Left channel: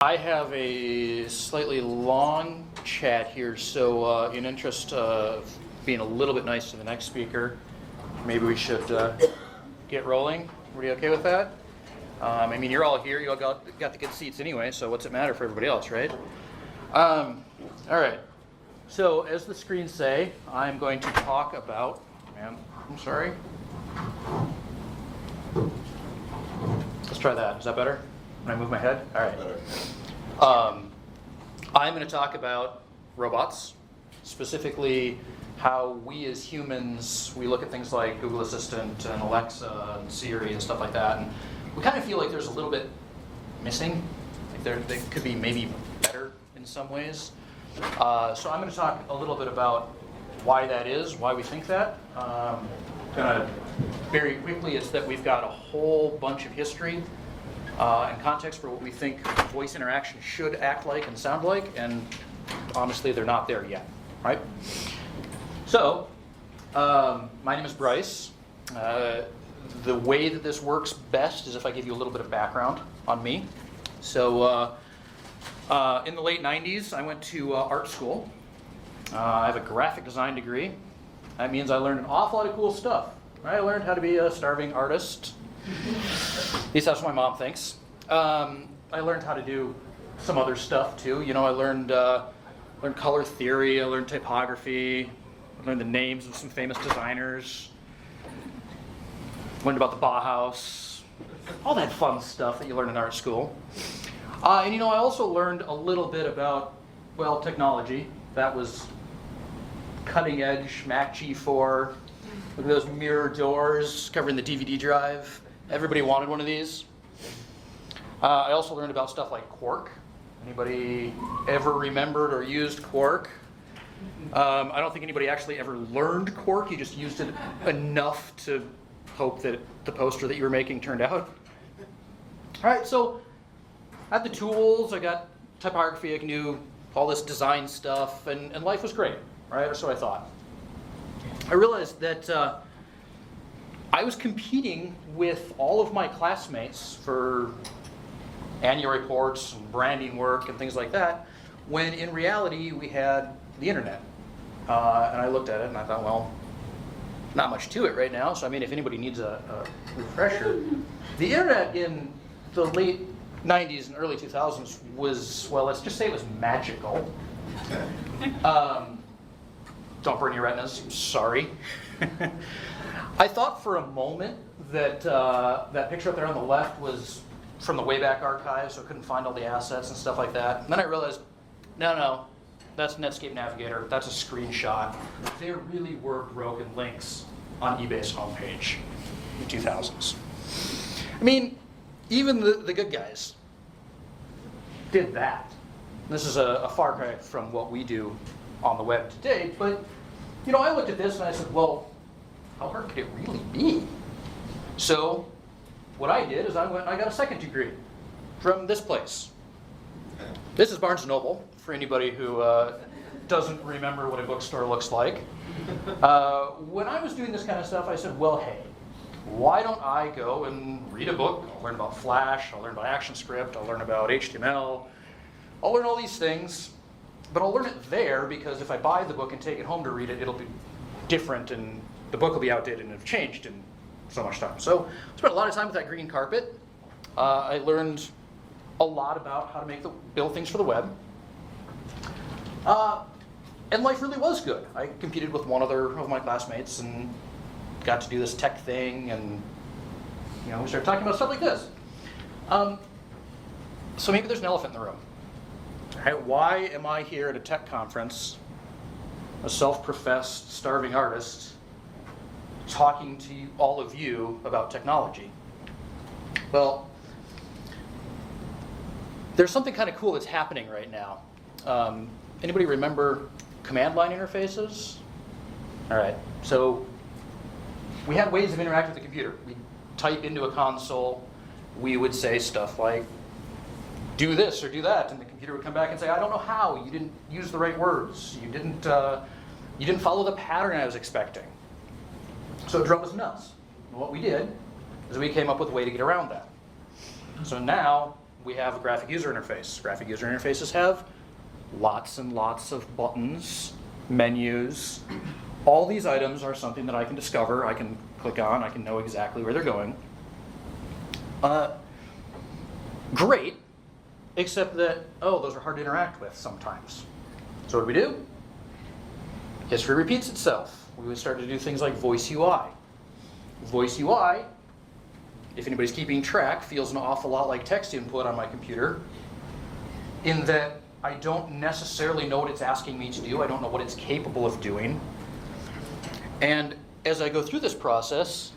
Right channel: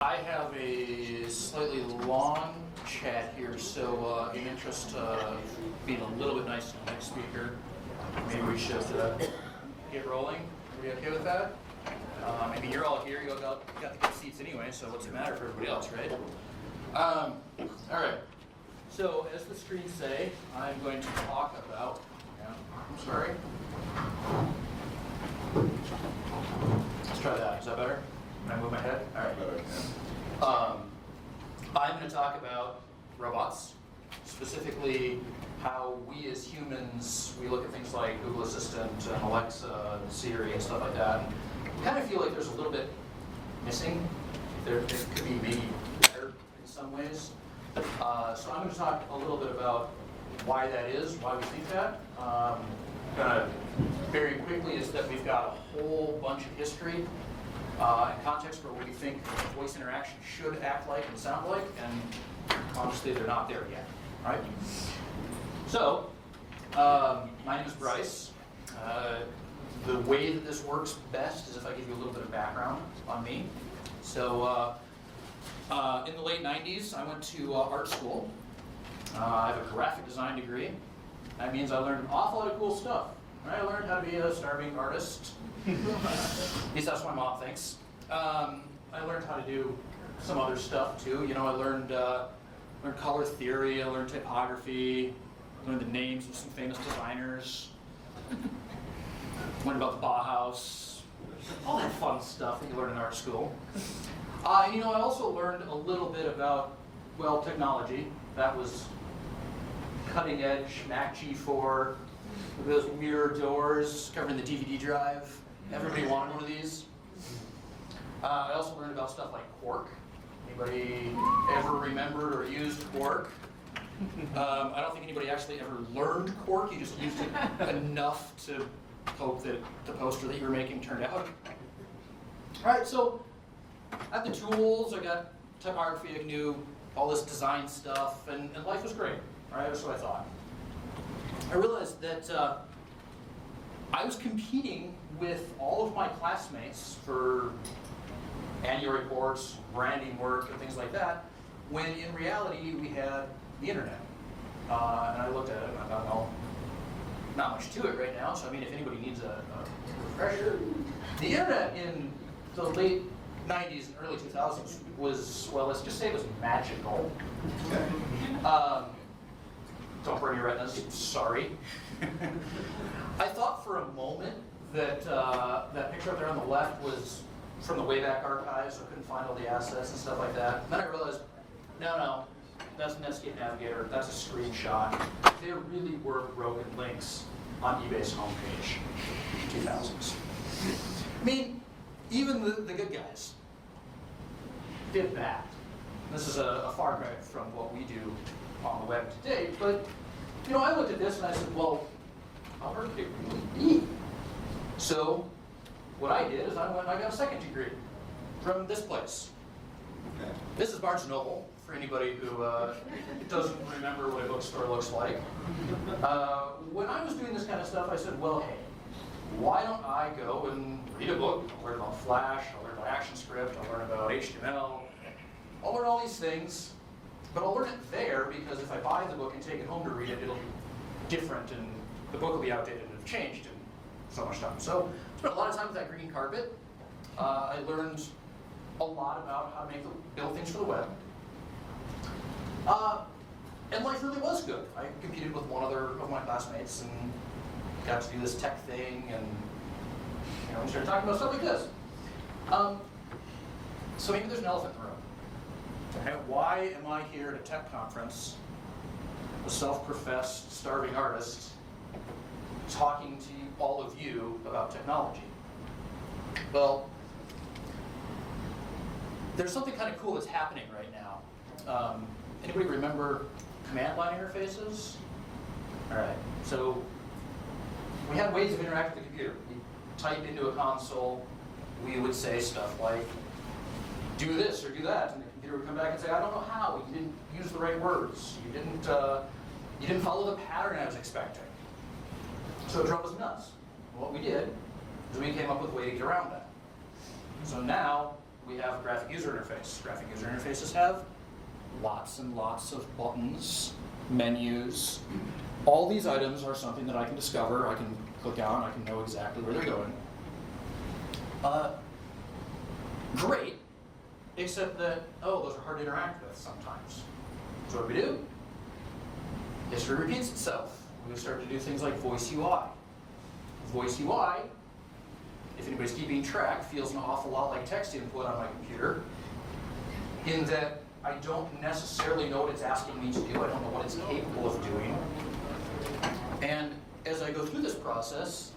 I have a slightly long chat here, so in interest of being a little bit nice to the next speaker, maybe we should get rolling. Are we okay with that? I mean, you're all here, you all got the good seats anyway, so what's it matter for everybody else, right? All right, so as the screens say, I'm going to talk about, I'm sorry. Let's try that, is that better? Can I move my head? All right. I'm going to talk about robots, specifically how we as humans, we look at things like Google Assistant and Alexa and Siri and stuff like that, and we kind of feel like there's a little bit missing. They could be maybe better in some ways. So I'm going to talk a little bit about why that is, why we think that. Kind of very quickly is that we've got a whole bunch of history and context for what we think voice interaction should act like and sound like, and honestly, they're not there yet, right? So, my name is Bryce. The way that this works best is if I give you a little bit of background on me. So, in the late 90s, I went to art school. I have a graphic design degree. That means I learned an awful lot of cool stuff. I learned how to be a starving artist. At least that's what my mom thinks. I learned how to do some other stuff too. You know, I learned color theory, I learned typography, I learned the names of some famous designers, learned about the Bauhaus, all that fun stuff that you learn in art school. And you know, I also learned a little bit about, well, technology. That was cutting edge Mac G4. Look at those mirror doors covering the DVD drive. Everybody wanted one of these. I also learned about stuff like Quark. Anybody ever remembered or used Quark? I don't think anybody actually ever learned Quark. You just used it enough to hope that the poster that you were making turned out. All right, so I had the tools. I got typography. I knew all this design stuff, and life was great, right? Or so I thought. I realized that I was competing with all of my classmates for annual reports, branding work, and things like that, when in reality we had the internet. And I looked at it and I thought, well, not much to it right now, so I mean, if anybody needs a refresher. The internet in the late 90s and early 2000s was, well, let's just say it was magical. Don't burn your retinas, sorry. I thought for a moment that that picture up there on the left was from the Wayback Archive, so I couldn't find all the assets and stuff like that. And then I realized, no, that's Netscape Navigator, that's a screenshot. There really were broken links on eBay's homepage in the 2000s. I mean, even the good guys did that. This is a far cry from what we do on the web today, but you know, I looked at this and I said, well, how hard could it really be? So what I did is I got a second degree from this place. Okay. This is Barnes & Noble, for anybody who doesn't remember what a bookstore looks like. When I was doing this kind of stuff, I said, well, hey, why don't I go and read a book? I'll learn about Flash, I'll learn about ActionScript, I'll learn about HTML, I'll learn all these things, but I'll learn it there because if I buy the book and take it home to read it, it'll be different and the book will be outdated and have changed in so much time. So I spent a lot of time with that green carpet. I learned a lot about how to build things for the web. And life really was good. I competed with one other of my classmates and got to do this tech thing, and you know, we started talking about stuff like this. So maybe there's an elephant in the room. Right? Why am I here at a tech conference, a self-professed starving artist, talking to all of you about technology? Well, there's something kind of cool that's happening right now. Anybody remember command line interfaces? All right, so we had ways of interacting with the computer. We type into a console, we would say stuff like, do this or do that, and the computer would come back and say, I don't know how, you didn't use the right words, you didn't follow the pattern I was expecting. So it drove us nuts. And what we did is we came up with a way to get around that. So now we have a graphic user interface. Graphic user interfaces have lots and lots of buttons, menus. All these items are something that I can discover, I can click on, I can know exactly where they're going. Great, except that, oh, those are hard to interact with sometimes. So what do? History repeats itself. We started to do things like voice UI. Voice UI, if anybody's keeping track, feels an awful lot like text input on my computer, in that I don't necessarily know what it's asking me to do. I don't know what it's capable of doing. And as I go through this process,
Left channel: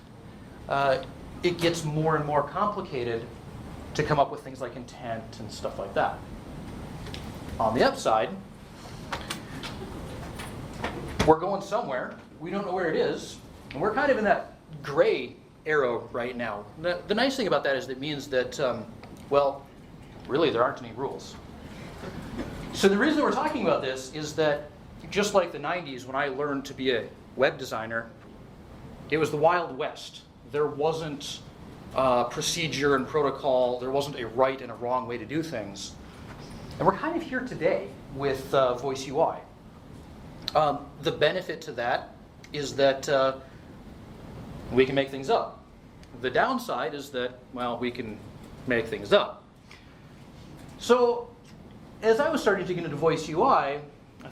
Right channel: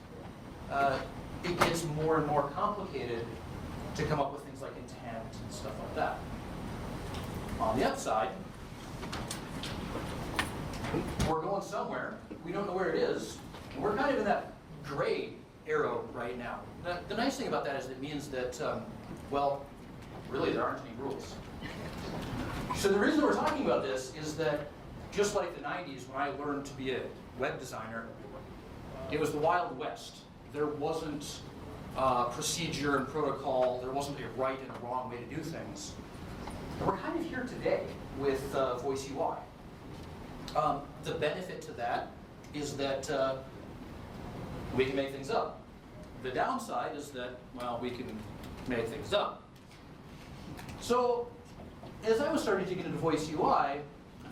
it gets more and more complicated to come up with things like intent and stuff like that. On the upside, we're going somewhere. We don't know where it is. And we're kind of in that gray arrow right now. The nice thing about that is it means that, well, really there aren't any rules. So the reason we're talking about this is that just like the 90s when I learned to be a web designer, it was the Wild West. There wasn't procedure and protocol. There wasn't a right and a wrong way to do things. And we're kind of here today with voice UI. The benefit to that is that we can make things up. The downside is that, well, we can make things up. So as I was starting to get into voice UI, I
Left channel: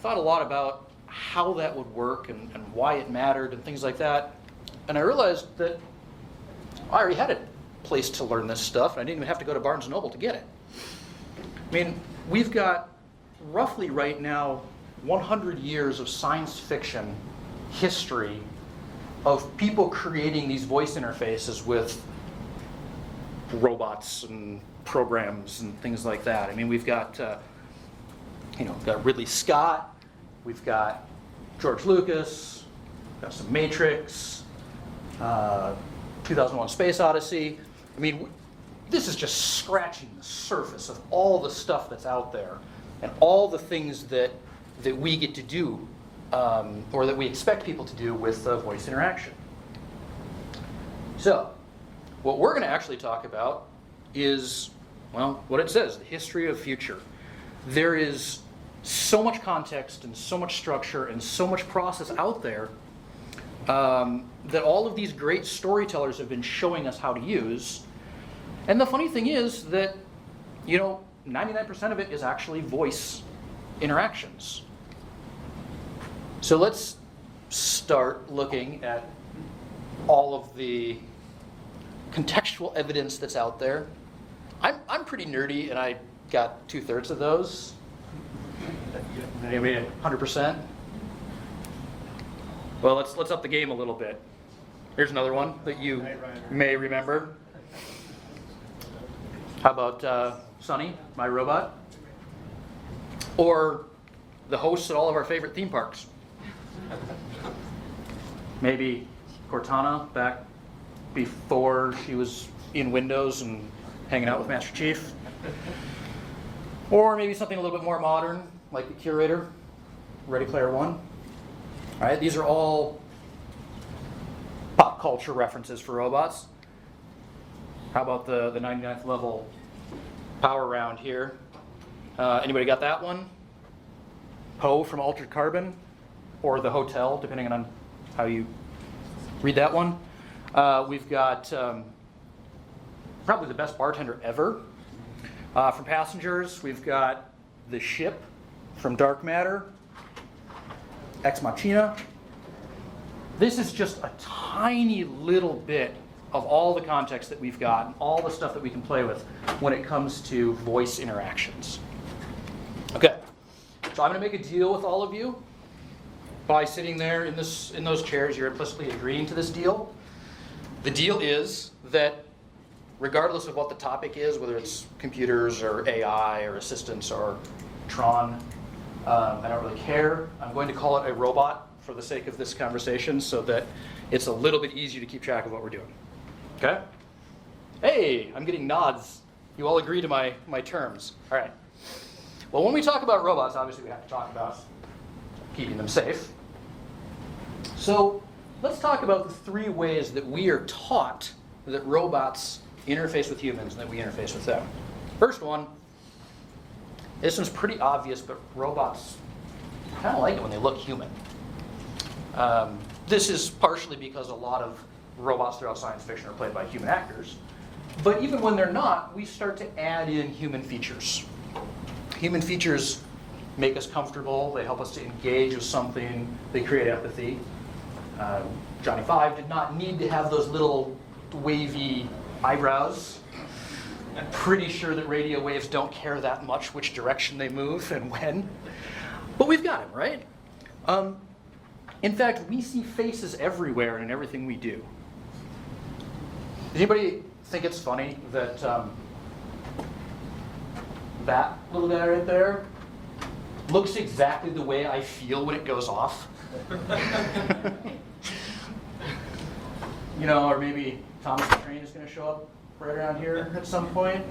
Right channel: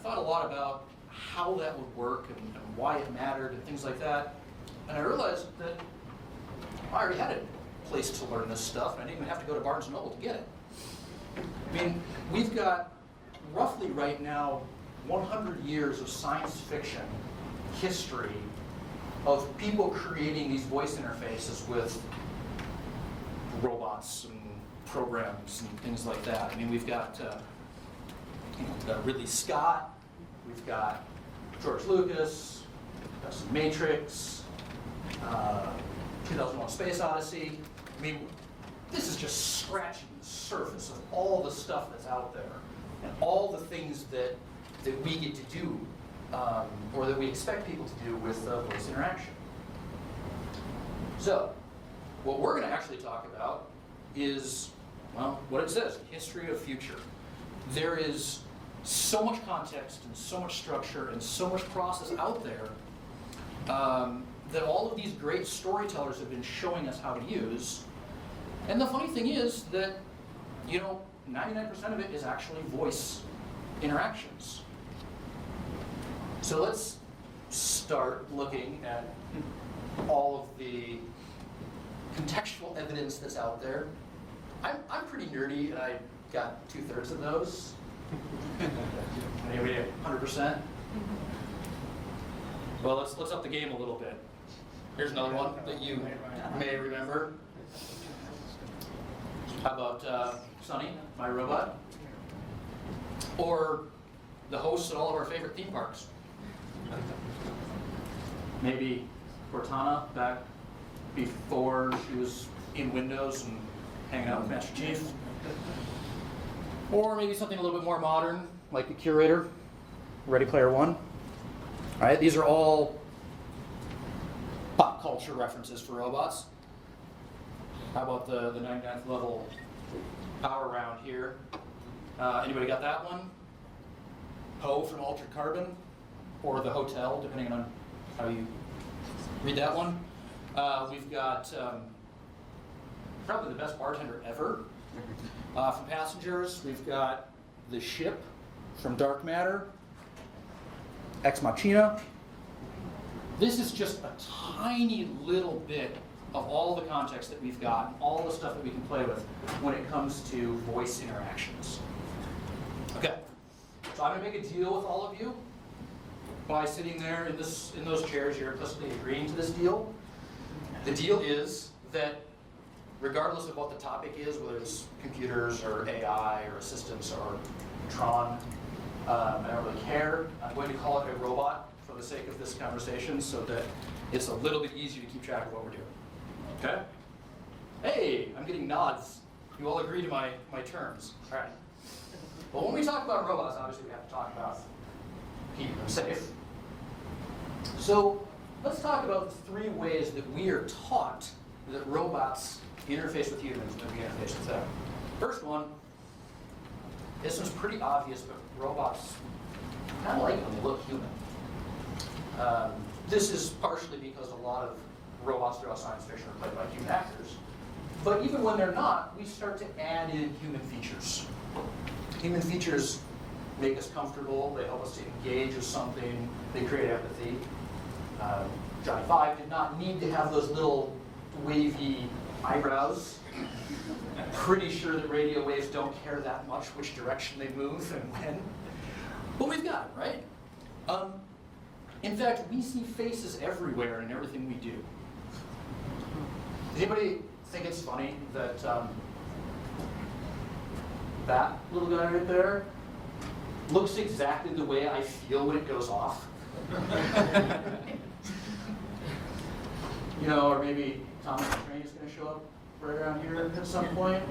thought a lot about how that would work and why it mattered and things like that. And I realized that I already had a place to learn this stuff, and I didn't even have to go to Barnes & Noble to get it. I mean, we've got roughly right now 100 years of science fiction history of people creating these voice interfaces with robots and programs and things like that. I mean, we've got, we've got Ridley Scott, we've got George Lucas, we've got some Matrix, 2001: Space Odyssey. I mean, this is just scratching the surface of all the stuff that's out there and all the things that we get to do or that we expect people to do with voice interaction. So, what we're going to actually talk about is, well, what it says, the history of future. There is so much context and so much structure and so much process out there that all of these great storytellers have been showing us how to use. And the funny thing is that, 99% of it is actually voice interactions. So let's start looking at all of the contextual evidence that's out there. I'm pretty nerdy, and I got 2/3 of those. Anyway, 100%. Well, let's up the game a little bit. Here's another one that you may remember. How about Sunny, my robot? Or the hosts at all of our favorite theme parks. Maybe Cortana back before she was in Windows and hanging out with Master Chief. Or maybe something a little bit more modern, like the Curator, Ready Player One. All right, these are all pop culture references for robots. How about the 99th level power round here? Anybody got that one? Poe from Altered Carbon, or the Hotel, depending on how you read that one. We've got probably the best bartender ever. From Passengers, we've got the ship from Dark Matter, Ex Machina. This is just a tiny little bit of all the context that we've got, all the stuff that we can play with when it comes to voice interactions. Okay, so I'm going to make a deal with all of you. By sitting there in those chairs, you're implicitly agreeing to this deal. The deal is that regardless of what the topic is, whether it's computers or AI or assistants or Tron, I don't really care. I'm going to call it a robot for the sake of this conversation so that it's a little bit easier to keep track of what we're doing. Okay? Hey, I'm getting nods. You all agree to my terms. All right. Well, when we talk about robots, obviously we have to talk about keeping them safe. So let's talk about the 3 ways that we are taught that robots interface with humans and that we interface with them. First one, this one's pretty obvious, but robots kind of like it when they look human. This is partially because a lot of robots throughout science fiction are played by human actors. But even when they're not, we start to add in human features. Human features make us comfortable, they help us to engage with something, they create empathy. Johnny Five did not need to have those little wavy eyebrows. I'm pretty sure that radio waves don't care that much which direction they move and when. But we've got him, right? In fact, we see faces everywhere in everything we do. Does anybody think it's funny that that little guy right there looks exactly the way I feel when it goes off? You know, or maybe Thomas the Train is going to show up right around here at some point.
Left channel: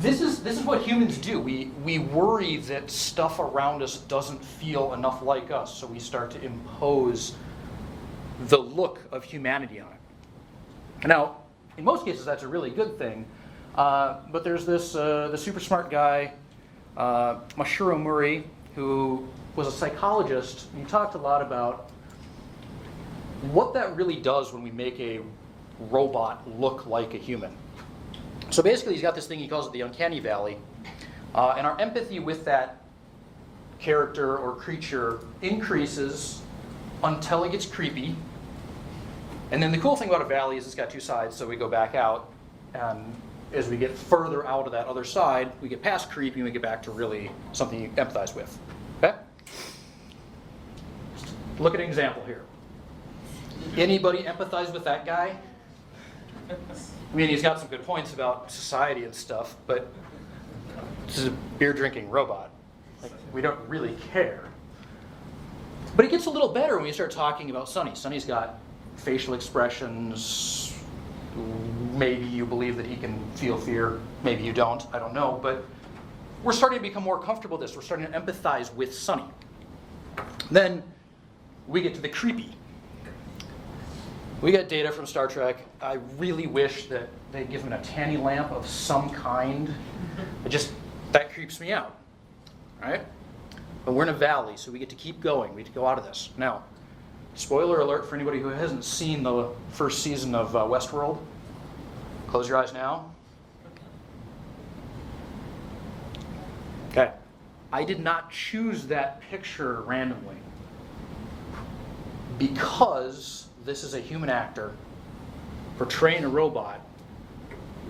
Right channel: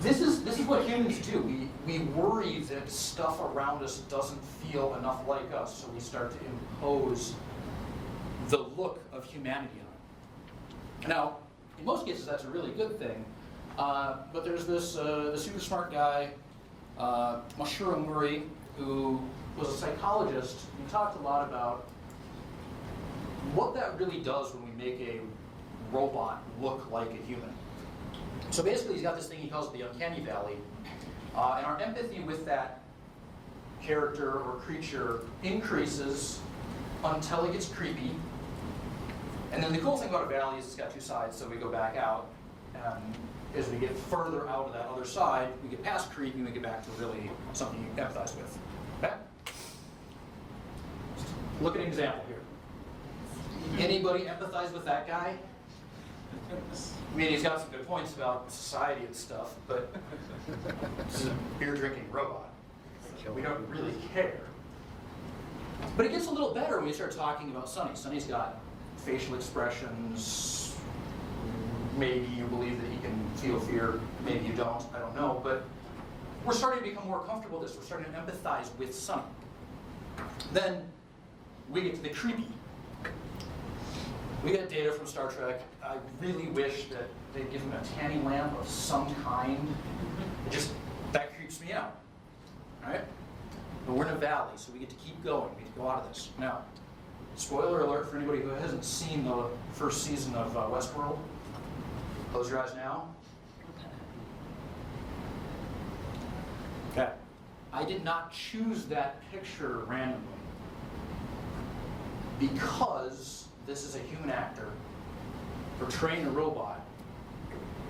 This is what humans do. We worry that stuff around us doesn't feel enough like us, so we start to impose the look of humanity on it. Now, in most cases, that's a really good thing. But there's this the super smart guy, Mashiro Murray, who was a psychologist. He talked a lot about what that really does when we make a robot look like a human. So basically, he's got this thing, he calls it the uncanny valley. And our empathy with that character or creature increases until it gets creepy. And then the cool thing about a valley is it's got two sides, so we go back out. And as we get further out of that other side, we get past creepy and we get back to really something you empathize with. Okay? Look at an example here. Anybody empathize with that guy? I mean, he's got some good points about society and stuff, but this is a beer-drinking robot. We don't really care. But it gets a little better when we start talking about Sonny. Sonny's got facial expressions. Maybe you believe that he can feel fear. Maybe you don't. I don't know. But we're starting to become more comfortable with this. We're starting to empathize with Sonny. Then we get to the creepy. We got data from Star Trek. I really wish that they'd give him a tanny lamp of some kind. That creeps me out, right? But we're in a valley, so we get to keep going. We get to go out of this. Now, spoiler alert for anybody who hasn't seen the first season of Westworld. Close your eyes now. Okay. I did not choose that picture randomly because this is a human actor portraying a robot.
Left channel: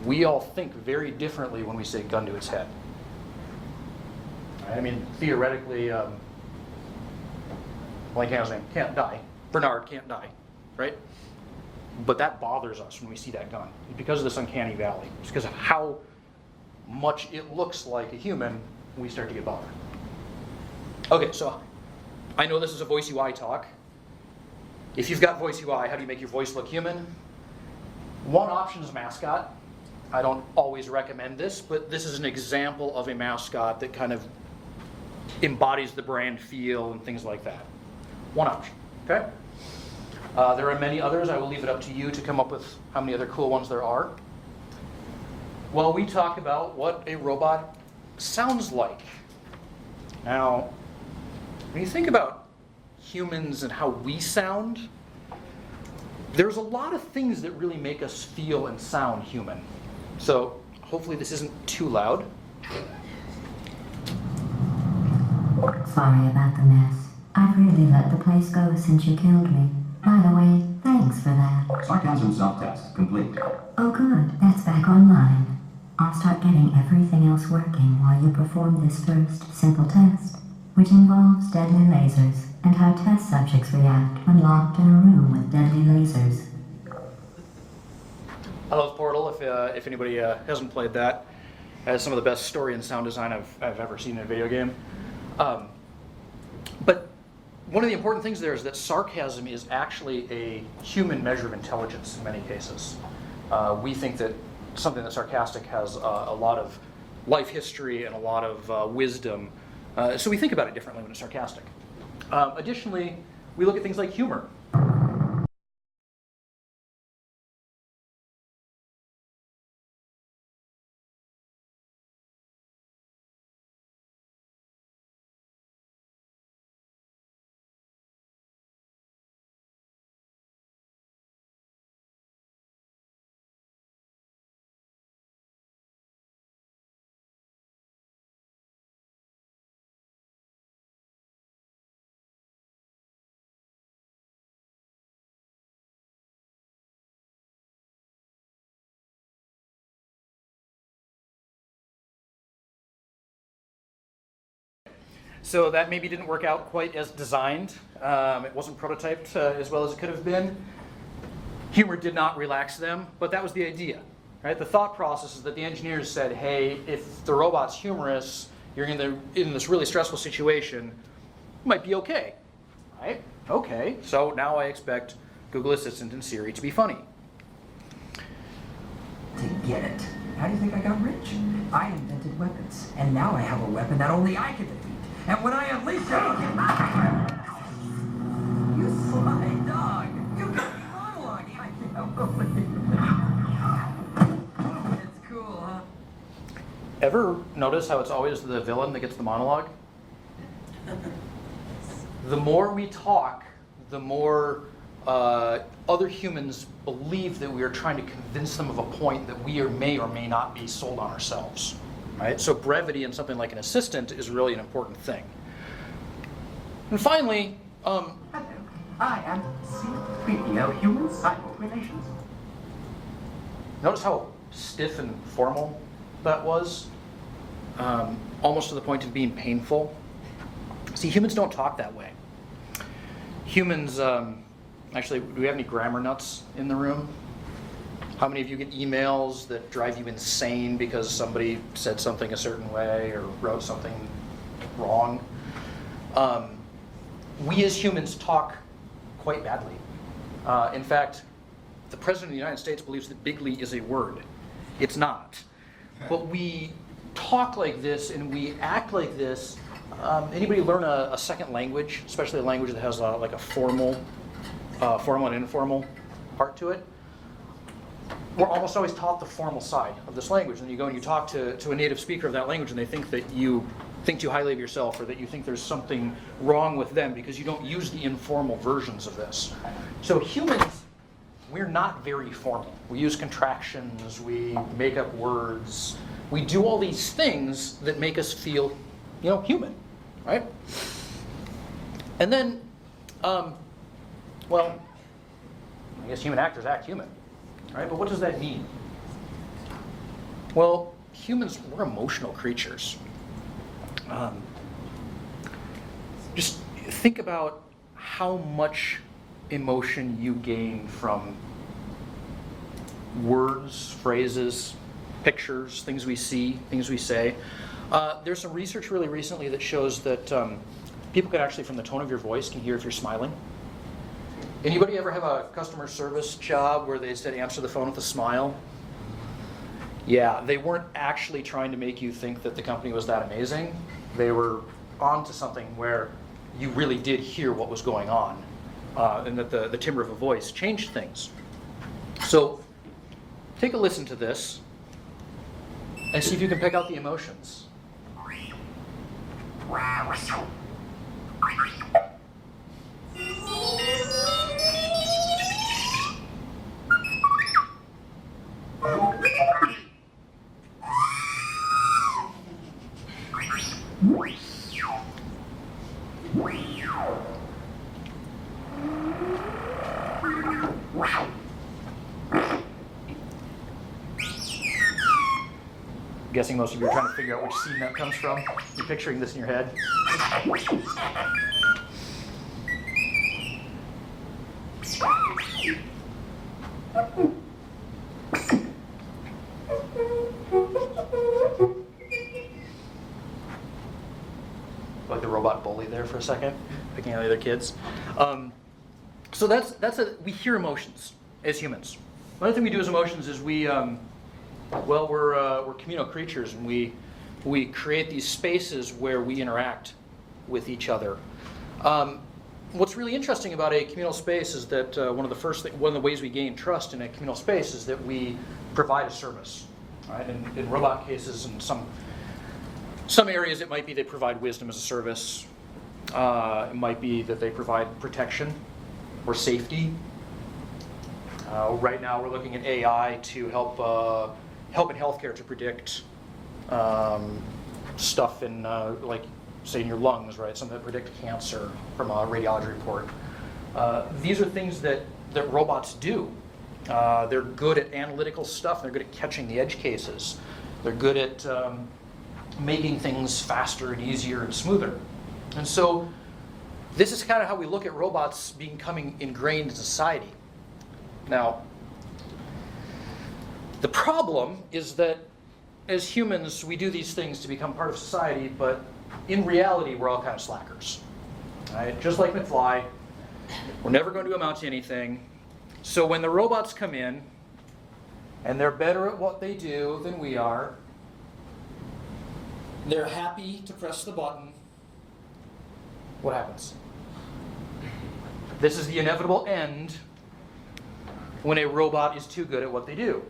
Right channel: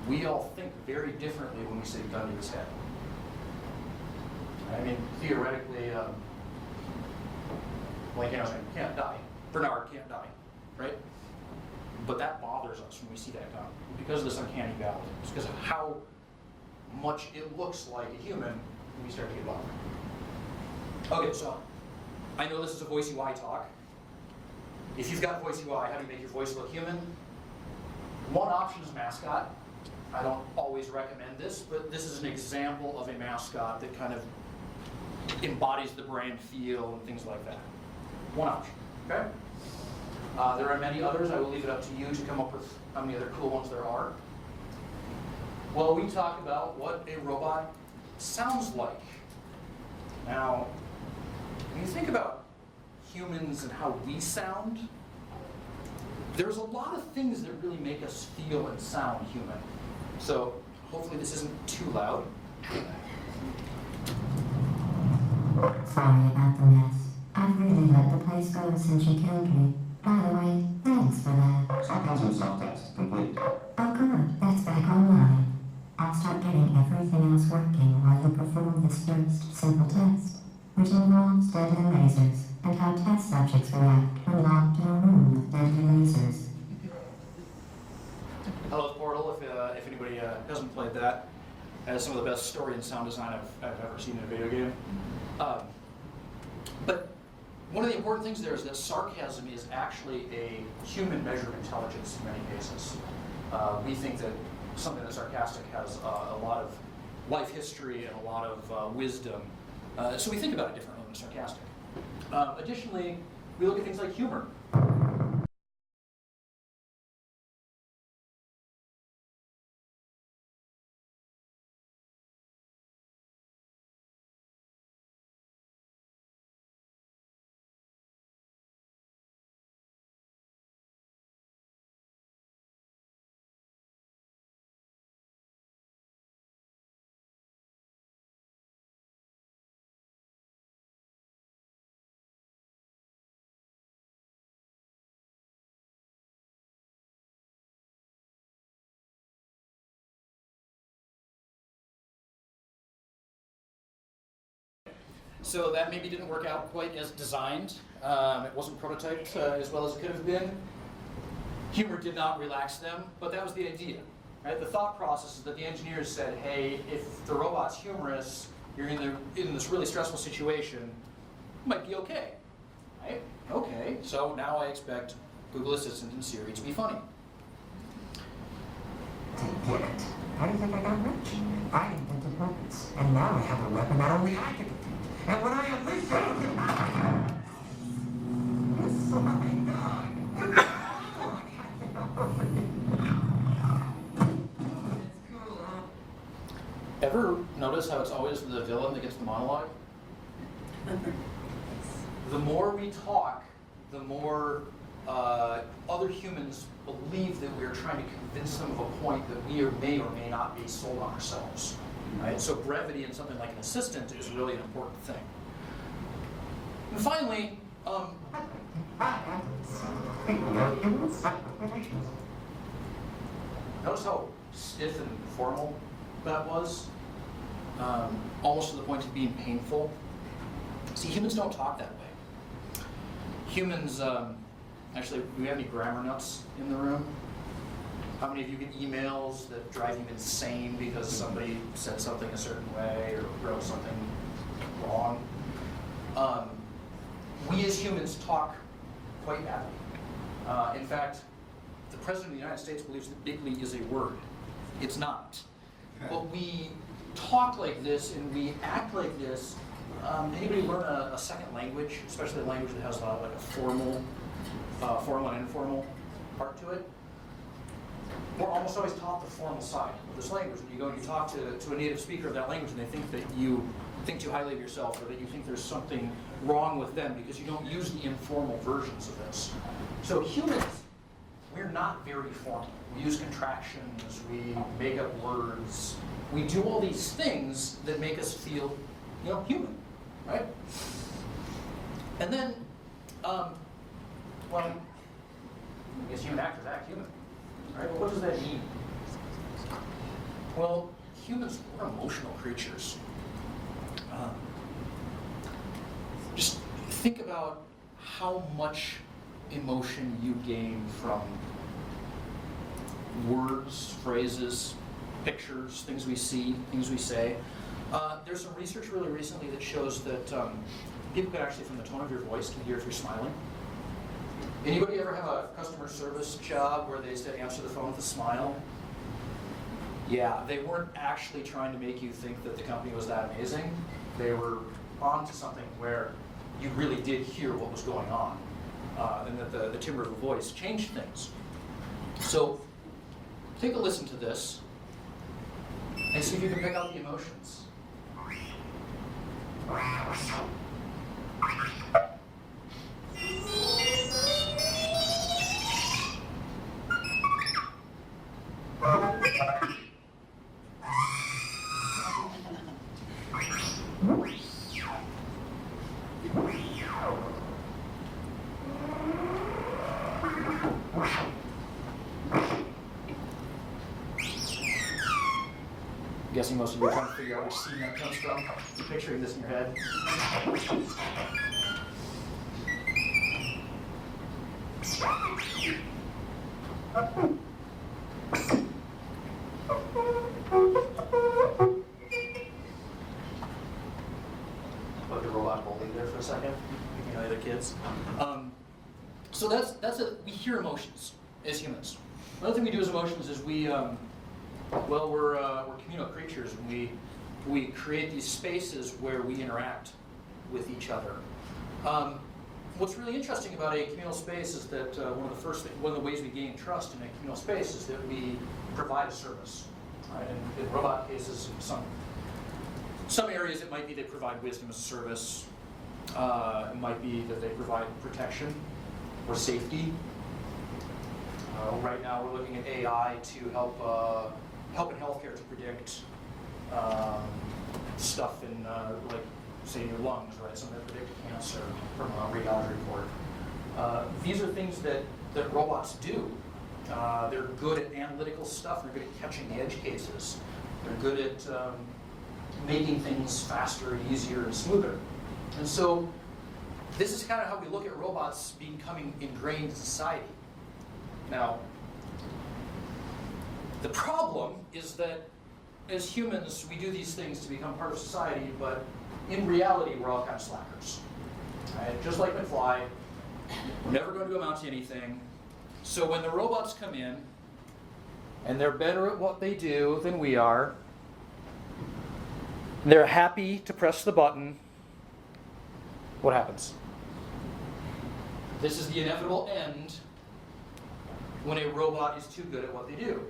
We all think very differently when we say gun to his head. I mean, theoretically, can't die. Bernard can't die, right? But that bothers us when we see that gun because of this uncanny valley. It's because of how much it looks like a human, we start to get bothered. Okay, so I know this is a voice UI talk. If you've got voice UI, how do you make your voice look human? One option is mascot. I don't always recommend this, but this is an example of a mascot that kind of embodies the brand feel and things like that. One option, okay? There are many others. I will leave it up to you to come up with how many other cool ones there are. Well, we talk about what a robot sounds like. Now, when you think about humans and how we sound, there's a lot of things that really make us feel and sound human. So hopefully this isn't too loud. Sorry about the mess. I've really let the place go since you killed me. By the way, thanks for that. Sarcasm self-test complete. Oh good, that's back online. I'll start getting everything else working while you perform this first simple test, which involves deadly lasers and how test subjects react when locked in a room with deadly lasers. Hello, Portal. If anybody hasn't played that, it has some of the best story and sound design I've ever seen in a video game. But one of the important things there is that sarcasm is actually a human measure of intelligence in many cases. We think that something that's sarcastic has a lot of life history and a lot of wisdom. So we think about it differently when it's sarcastic. Additionally, we look at things like humor. So that maybe didn't work out quite as designed. It wasn't prototyped as well as it could have been. Humor did not relax them, but that was the idea, right? The thought process is that the engineers said, hey, if the robot's humorous, you're in this really stressful situation, it might be okay, right? Okay, so now I expect Google Assistant and Siri to be funny. To get it. How do you think I got rich? I invented weapons, and now I have a weapon that only I can defeat. And when I unleash it, you sly dog! You It's cool, huh? Ever notice how it's always the villain that gets the monologue? The more we talk, the more other humans believe that we are trying to convince them of a point that we may or may not be sold on ourselves. Right? So brevity in something like an assistant is really an important thing. And finally, I am speaking of human-side relations. notice how stiff and formal that was? Almost to the point of being painful. See, humans don't talk that way. Humans, actually, do we have any grammar nuts in the room? How many of you get emails that drive you insane because somebody said something a certain way or wrote something wrong? We as humans talk quite badly. In fact, the President of the United States believes that bigly is a word. It's not. But we talk like this and we act like this. Anybody learn a second language, especially a language that has a lot of like a formal and informal part to it? We're almost always taught the formal side of this language. And you go and you talk to a native speaker of that language and they think that you think too highly of yourself or that you think there's something wrong with them because you don't use the informal versions of this. So humans, we're not very formal. We use contractions, we make up words. We do all these things that make us feel, human, right? And then, well, I guess human actors act human, right? But what does that mean? Well, humans, we're emotional creatures. Just think about how much emotion you gain from words, phrases, pictures, things we see, things we say. There's some research really recently that shows that people can actually, from the tone of your voice, can hear if you're smiling. Anybody ever have a customer service job where they said answer the phone with a smile? Yeah, they weren't actually trying to make you think that the company was that amazing. They were onto something where you really did hear what was going on, and that the timbre of the voice changed things. So take a listen to this and see if you can pick out the emotions. I'm guessing most of you are trying to figure out which scene that comes from. You're picturing this in your head. Like the robot bully there for a second, picking on the other kids. So we hear emotions as humans. Another thing we do as emotions is we're communal creatures, and we create these spaces where we interact with each other. What's really interesting about a communal space is that one of the ways we gain trust in a communal space is that we provide a service. Right? In robot cases, in some areas, it might be they provide wisdom as a service. It might be that they provide protection or safety. Right now, we're looking at AI to help in healthcare to predict stuff in, like, say, in your lungs, right? Something that predict cancer from a radiology report. These are things that robots do. They're good at analytical stuff. They're good at catching the edge cases. They're good at making things faster and easier and smoother. And so this is kind of how we look at robots becoming ingrained in society. Now, the problem is that as humans, we do these things to become part of society, but in reality, we're all kind of slackers. Right? Just like McFly, we're never going to amount to anything. So when the robots come in, and they're better at what they do than we are, they're happy to press the button, what happens? This is the inevitable end when a robot is too good at what they do.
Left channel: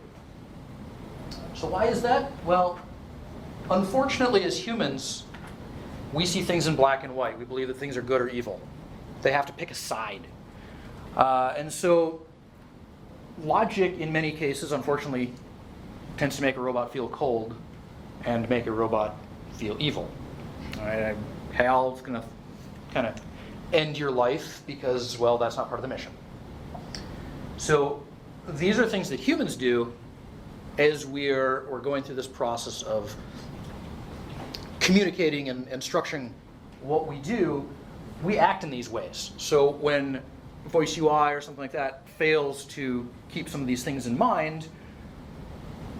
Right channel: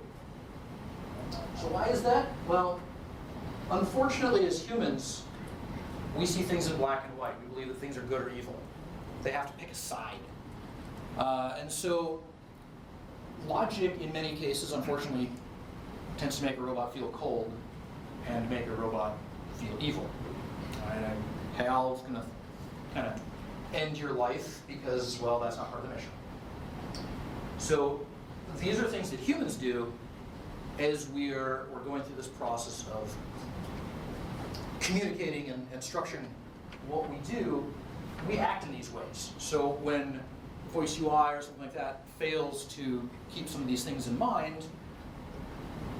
So why is that? Well, unfortunately, as humans, we see things in black and white. We believe that things are good or evil. They have to pick a side. And so logic, in many cases, unfortunately, tends to make a robot feel cold and make a robot feel evil. Right? Hal's going to kind of end your life because, well, that's not part of the mission. So these are things that humans do as we're going through this process of communicating and structuring what we do. We act in these ways. So when Voice UI or something like that fails to keep some of these things in mind,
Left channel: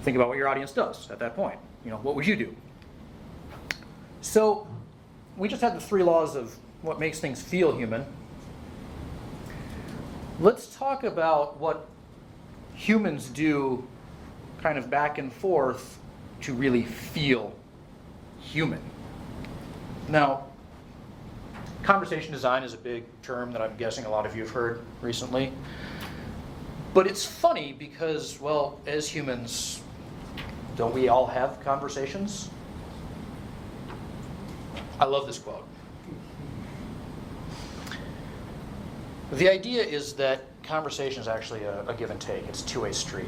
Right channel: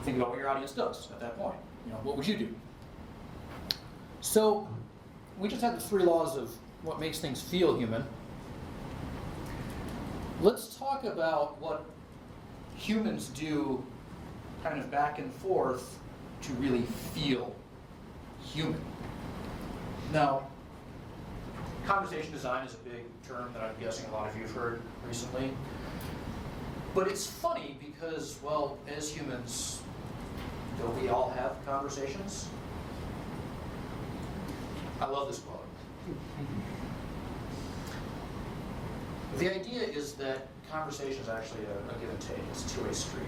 think about what your audience does at that point. What would you do? So we just had the 3 laws of what makes things feel human. Let's talk about what humans do kind of back and forth to really feel human. Now, conversation design is a big term that I'm guessing a lot of you have heard recently. But it's funny because, well, as humans, don't we all have conversations? I love this quote. The idea is that conversation is actually a give and take. It's a two-way street.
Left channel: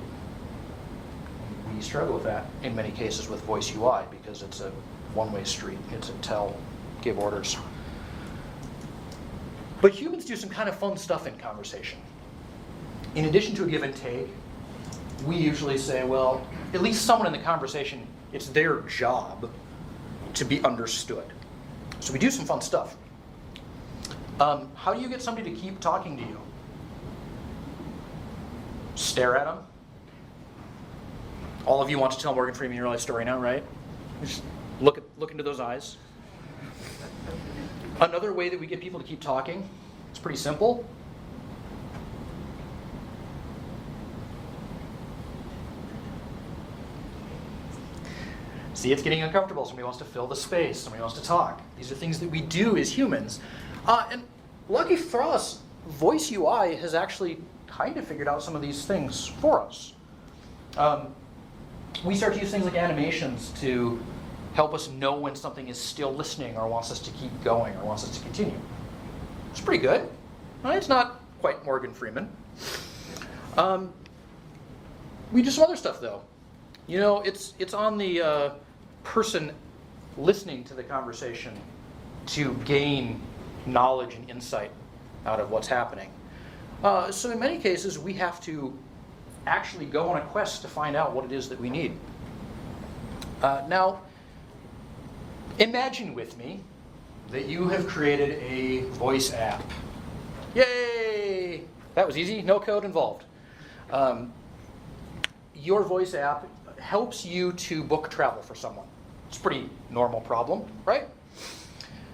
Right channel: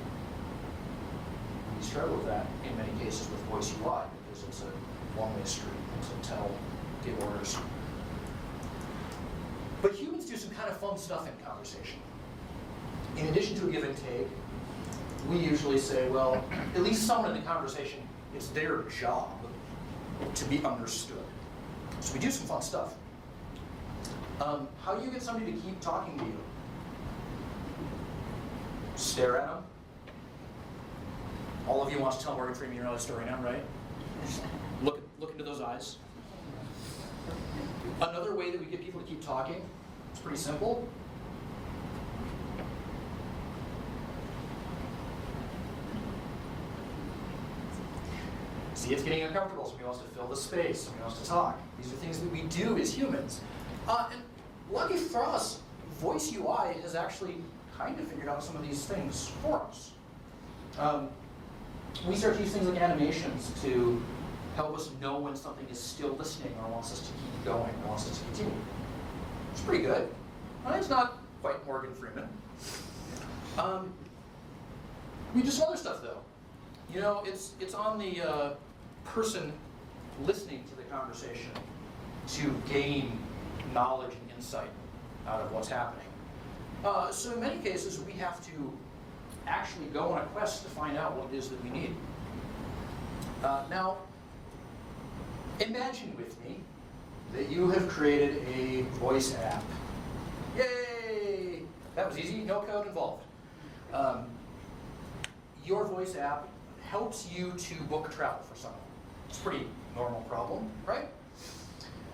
We struggle with that in many cases with Voice UI because it's a one-way street. It's a tell, give orders. But humans do some kind of fun stuff in conversation. In addition to a give and take, we usually say, well, at least someone in the conversation, it's their job to be understood. So we do some fun stuff. How do you get somebody to keep talking to you? Stare at them. All of you want to tell Morgan Freeman your life story now, right? Just look into those eyes. Another way that we get people to keep talking, it's pretty simple. See, it's getting uncomfortable. Somebody wants to fill the space. Somebody wants to talk. These are things that we do as humans. And lucky for us, Voice UI has actually kind of figured out some of these things for us. We start to use things like animations to help us know when something is still listening or wants us to keep going or wants us to continue. It's pretty good. It's not quite Morgan Freeman. We do some other stuff though. It's on the person listening to the conversation to gain knowledge and insight out of what's happening. So in many cases, we have to actually go on a quest to find out what it is that we need. Now, imagine with me that you have created a voice app. Yay! That was easy, no code involved. Your voice app helps you to book travel for someone. It's a pretty normal problem, right?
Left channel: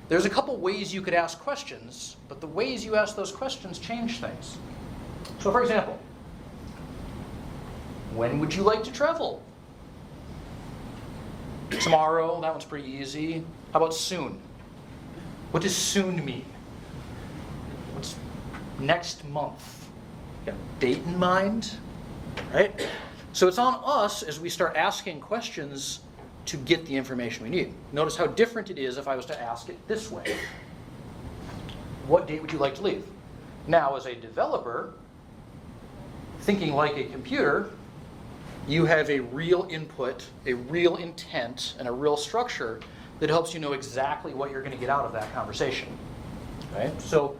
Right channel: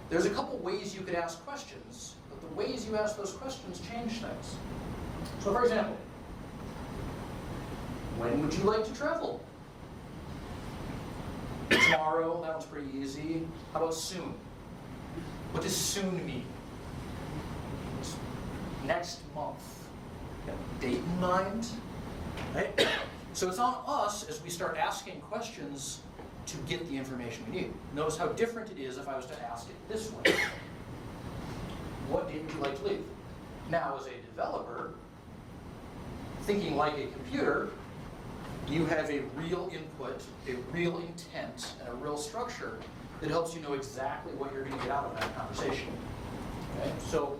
There's a couple ways you could ask questions, but the ways you ask those questions change things. So for example, when would you like to travel? Tomorrow, that one's pretty easy. How about soon? What does soon mean? What's next month? You have a date in mind, right? So it's on us as we start asking questions to get the information we need. Notice how different it is if I was to ask it this way. What date would you like to leave? Now, as a developer, thinking like a computer, you have a real input, a real intent, and a real structure that helps you know exactly what you're going to get out of that conversation. Okay? So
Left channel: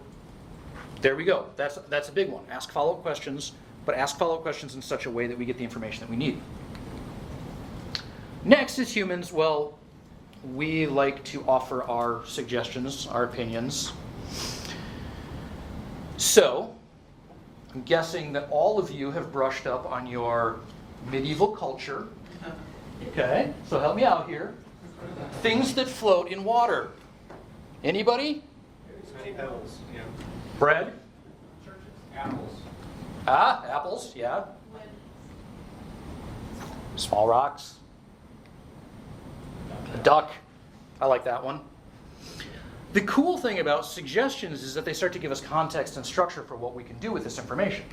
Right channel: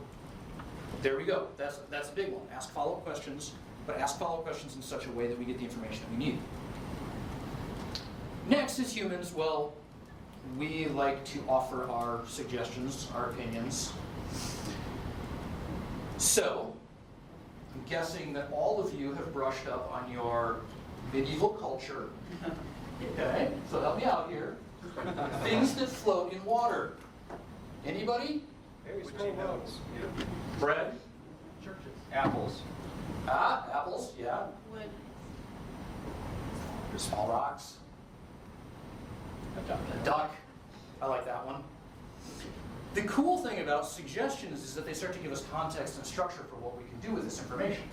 there we go. That's a big one. Ask follow-up questions, but ask follow-up questions in such a way that we get the information that we need. Next, as humans, well, we like to offer our suggestions, our opinions. So, I'm guessing that all of you have brushed up on your medieval culture. Okay, so help me out here. Things that float in water. Anybody? Yeah. Bread? Churches. Apples. Ah, apples, yeah. Wood. Small rocks. A duck. I like that one. The cool thing about suggestions is that they start to give us context and structure for what we can do with this information.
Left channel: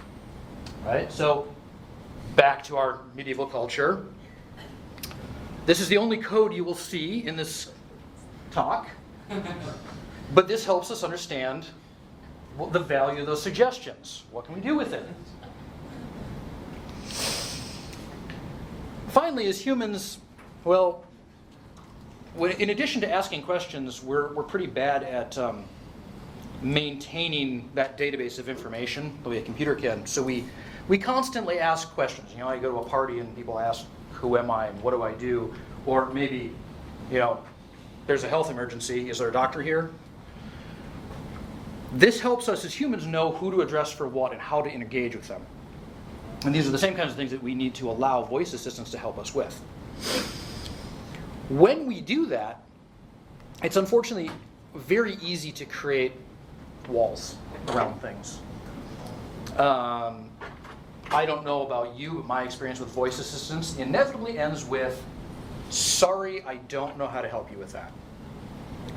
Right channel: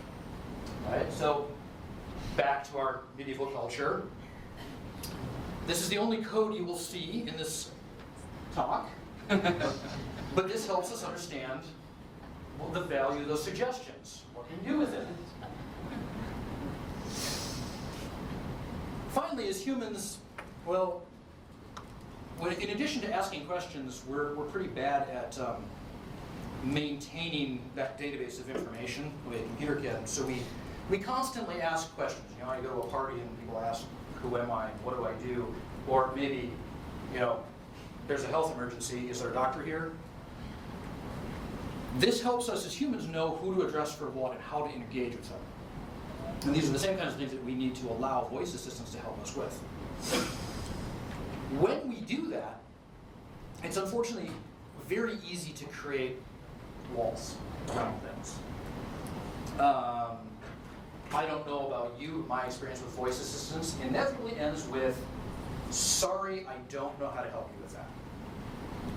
Right? So, back to our medieval culture. This is the only code you will see in this talk. But this helps us understand the value of those suggestions. What can you do with it? Finally, as humans, well, in addition to asking questions, we're pretty bad at maintaining that database of information the way a computer can. So we constantly ask questions. You know, I go to a party and people ask, who am I? What do I do? Or maybe, you know, there's a health emergency. Is there a doctor here? This helps us as humans know who to address for what and how to engage with them. And these are the same kinds of things that we need to allow voice assistants to help us with. When we do that, it's unfortunately very easy to create walls around things. I don't know about you, but my experience with voice assistants inevitably ends with, sorry, I don't know how to help you with that.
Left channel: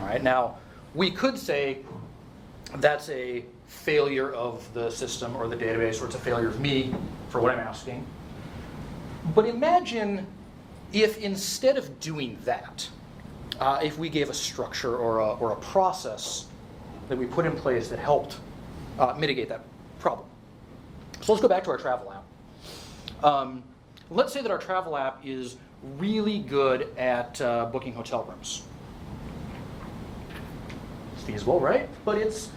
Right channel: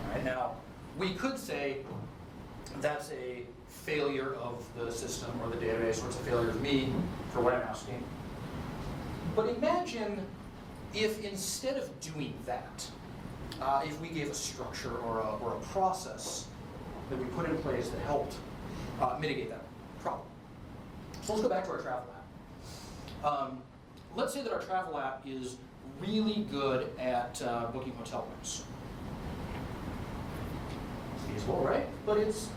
All right, now, we could say that's a failure of the system or the database, or it's a failure of me for what I'm asking. But imagine if instead of doing that, if we gave a structure or a process that we put in place that helped mitigate that problem. So let's go back to our travel app. Let's say that our travel app is really good at booking hotel rooms. It's feasible, right? But it's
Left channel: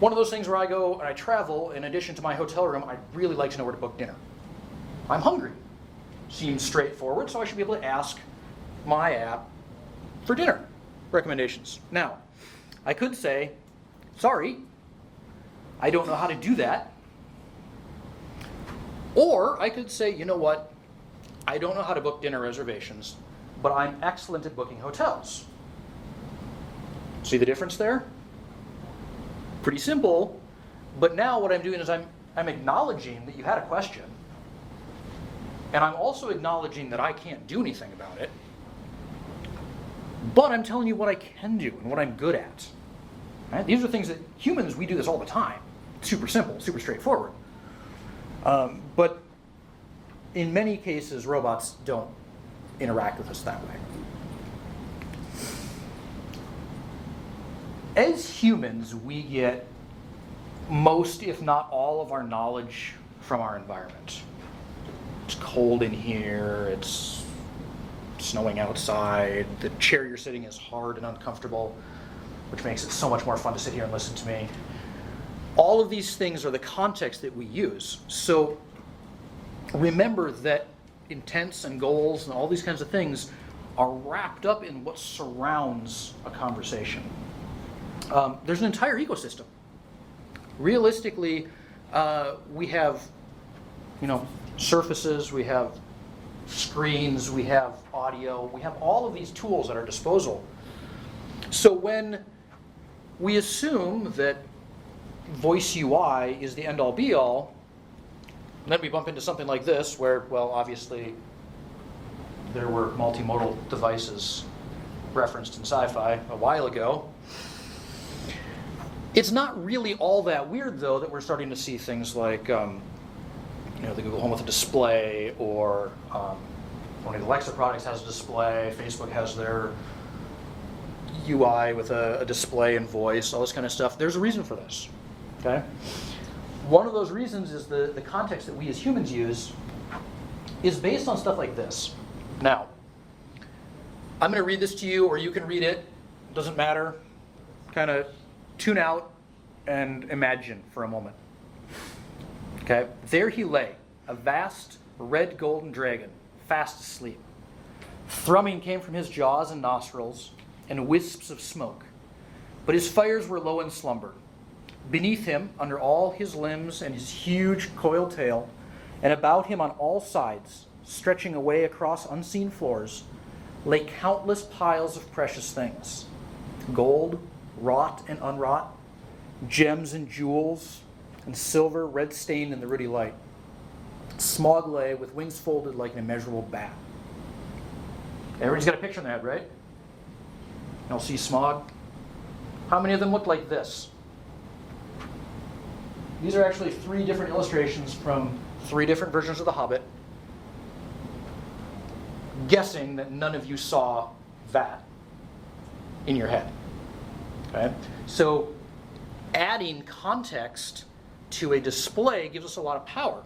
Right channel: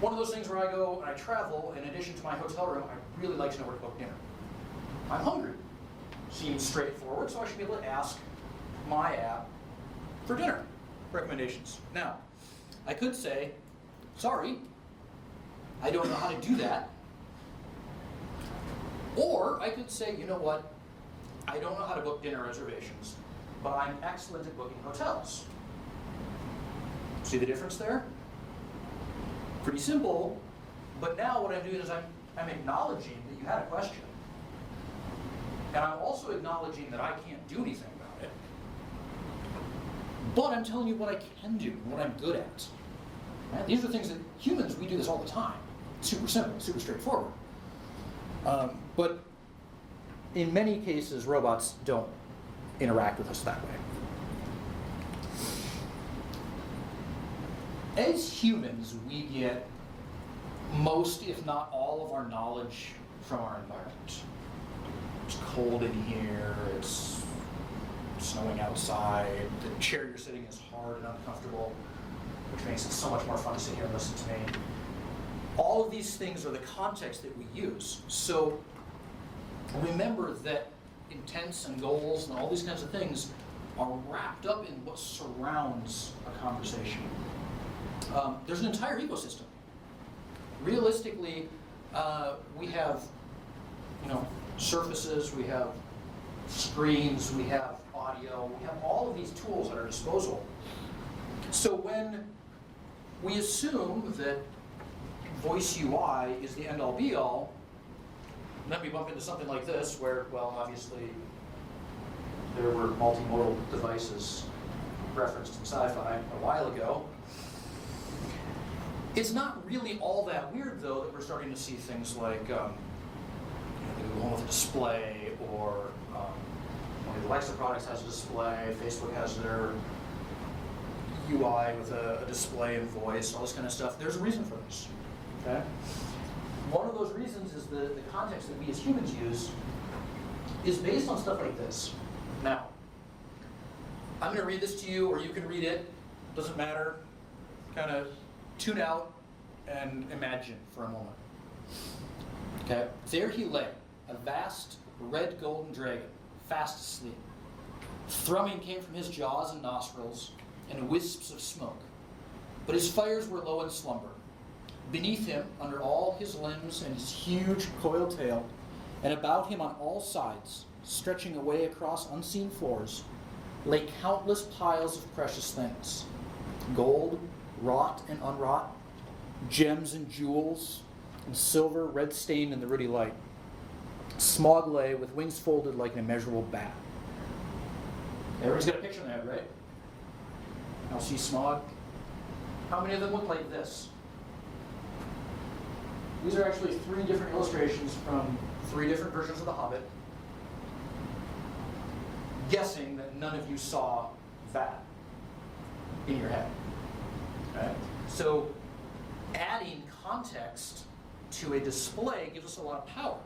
one of those things where I go and I travel, in addition to my hotel room, I'd really like to know where to book dinner. I'm hungry. Seems straightforward, so I should be able to ask my app for dinner recommendations. Now, I could say, sorry, I don't know how to do that. Or I could say, you know what, I don't know how to book dinner reservations, but I'm excellent at booking hotels. See the difference there? Pretty simple, but now what I'm doing is I'm acknowledging that you had a question, and I'm also acknowledging that I can't do anything about it, but I'm telling you what I can do and what I'm good at. Right? These are things that humans, we do this all the time. Super simple, super straightforward. But in many cases, robots don't interact with us that way. As humans, we get most, if not all, of our knowledge from our environment. It's cold in here, it's snowing outside, the chair you're sitting is hard and uncomfortable, which makes it so much more fun to sit here and listen to me. All of these things are the context that we use. So remember that intents and goals and all these kinds of things are wrapped up in what surrounds a conversation. There's an entire ecosystem. Realistically, we have, surfaces, we have screens, we have audio, we have all of these tools at our disposal. So when we assume that voice UI is the end-all be-all, then we bump into something like this where, well, obviously there were multimodal devices referenced in Sci-Fi a while ago. It's not really all that weird, though, that we're starting to see things like the Google Home with a display, or one of the Alexa products has a display, Facebook has their UI with a display and voice, all this kind of stuff. There's a reason for this. Okay? One of those reasons is the context that we as humans use is based on stuff like this. Now, I'm going to read this to you, or you can read it. Doesn't matter. Kind of tune out and imagine for a moment. Okay? There he lay, a vast red golden dragon, fast asleep. Thrumming came from his jaws and nostrils, and wisps of smoke. But his fires were low in slumber. Beneath him, under all his limbs and his huge coiled tail, and about him on all sides, stretching away across unseen floors, lay countless piles of precious things. Gold, wrought and unwrought, gems and jewels, and silver red-stained in the ruddy light. Smog lay with wings folded like an immeasurable bat. Everybody's got a picture in their head, right? You'll see Smog. How many of them look like this? These are actually 3 different illustrations from 3 different versions of The Hobbit. Guessing that none of you saw that in your head. Okay? So adding context to a display gives us a lot of power.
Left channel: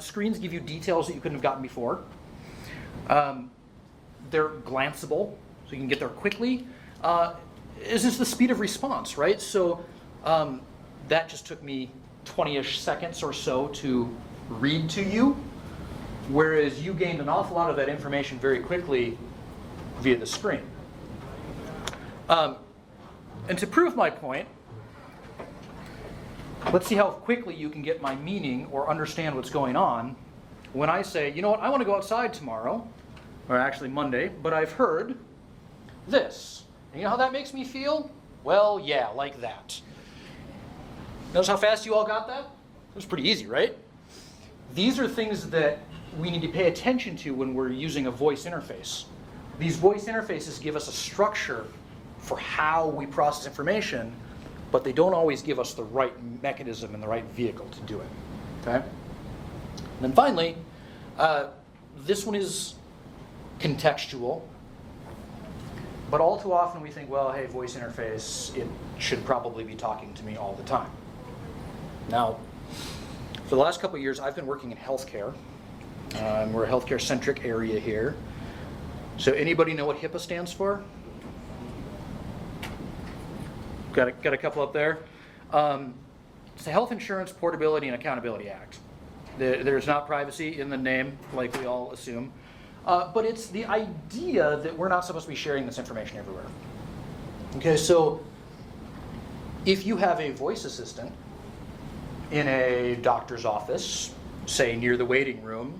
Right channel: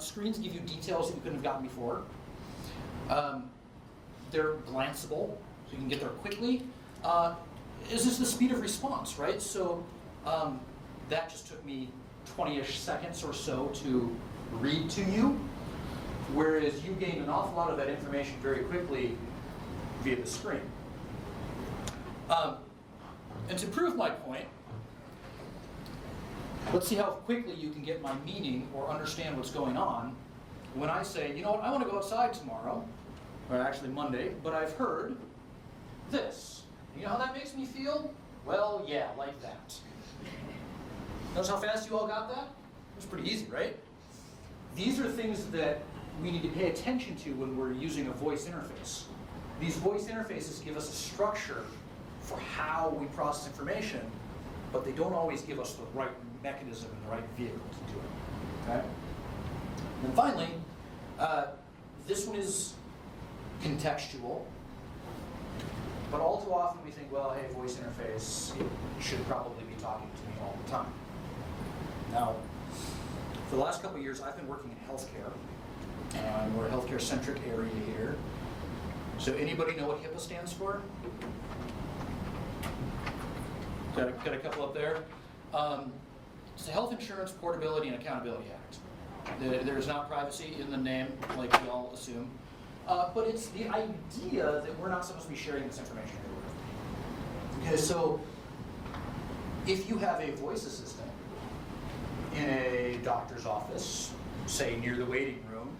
Screens give you details that you couldn't have gotten before. They're glanceable, so you can get there quickly. Is this the speed of response, right? So that just took me 20-ish seconds or so to read to you, whereas you gained an awful lot of that information very quickly via the screen. And to prove my point, let's see how quickly you can get my meaning or understand what's going on when I say, you know what, I want to go outside tomorrow, or actually Monday, but I've heard this. And you know how that makes me feel? Well, yeah, like that. Notice how fast you all got that? It was pretty easy, right? These are things that we need to pay attention to when we're using a voice interface. These voice interfaces give us a structure for how we process information, but they don't always give us the right mechanism and the right vehicle to do it. Okay? And then finally, this one is contextual, but all too often we think, well, hey, voice interface, it should probably be talking to me all the time. Now, for the last couple of years, I've been working in healthcare. We're a healthcare-centric area here. So anybody know what HIPAA stands for? Got a couple up there. It's the Health Insurance Portability and Accountability Act. There's not privacy in the name, like we all assume. But it's the idea that we're not supposed to be sharing this information everywhere. Okay, so if you have a voice assistant in a doctor's office, say near the waiting room,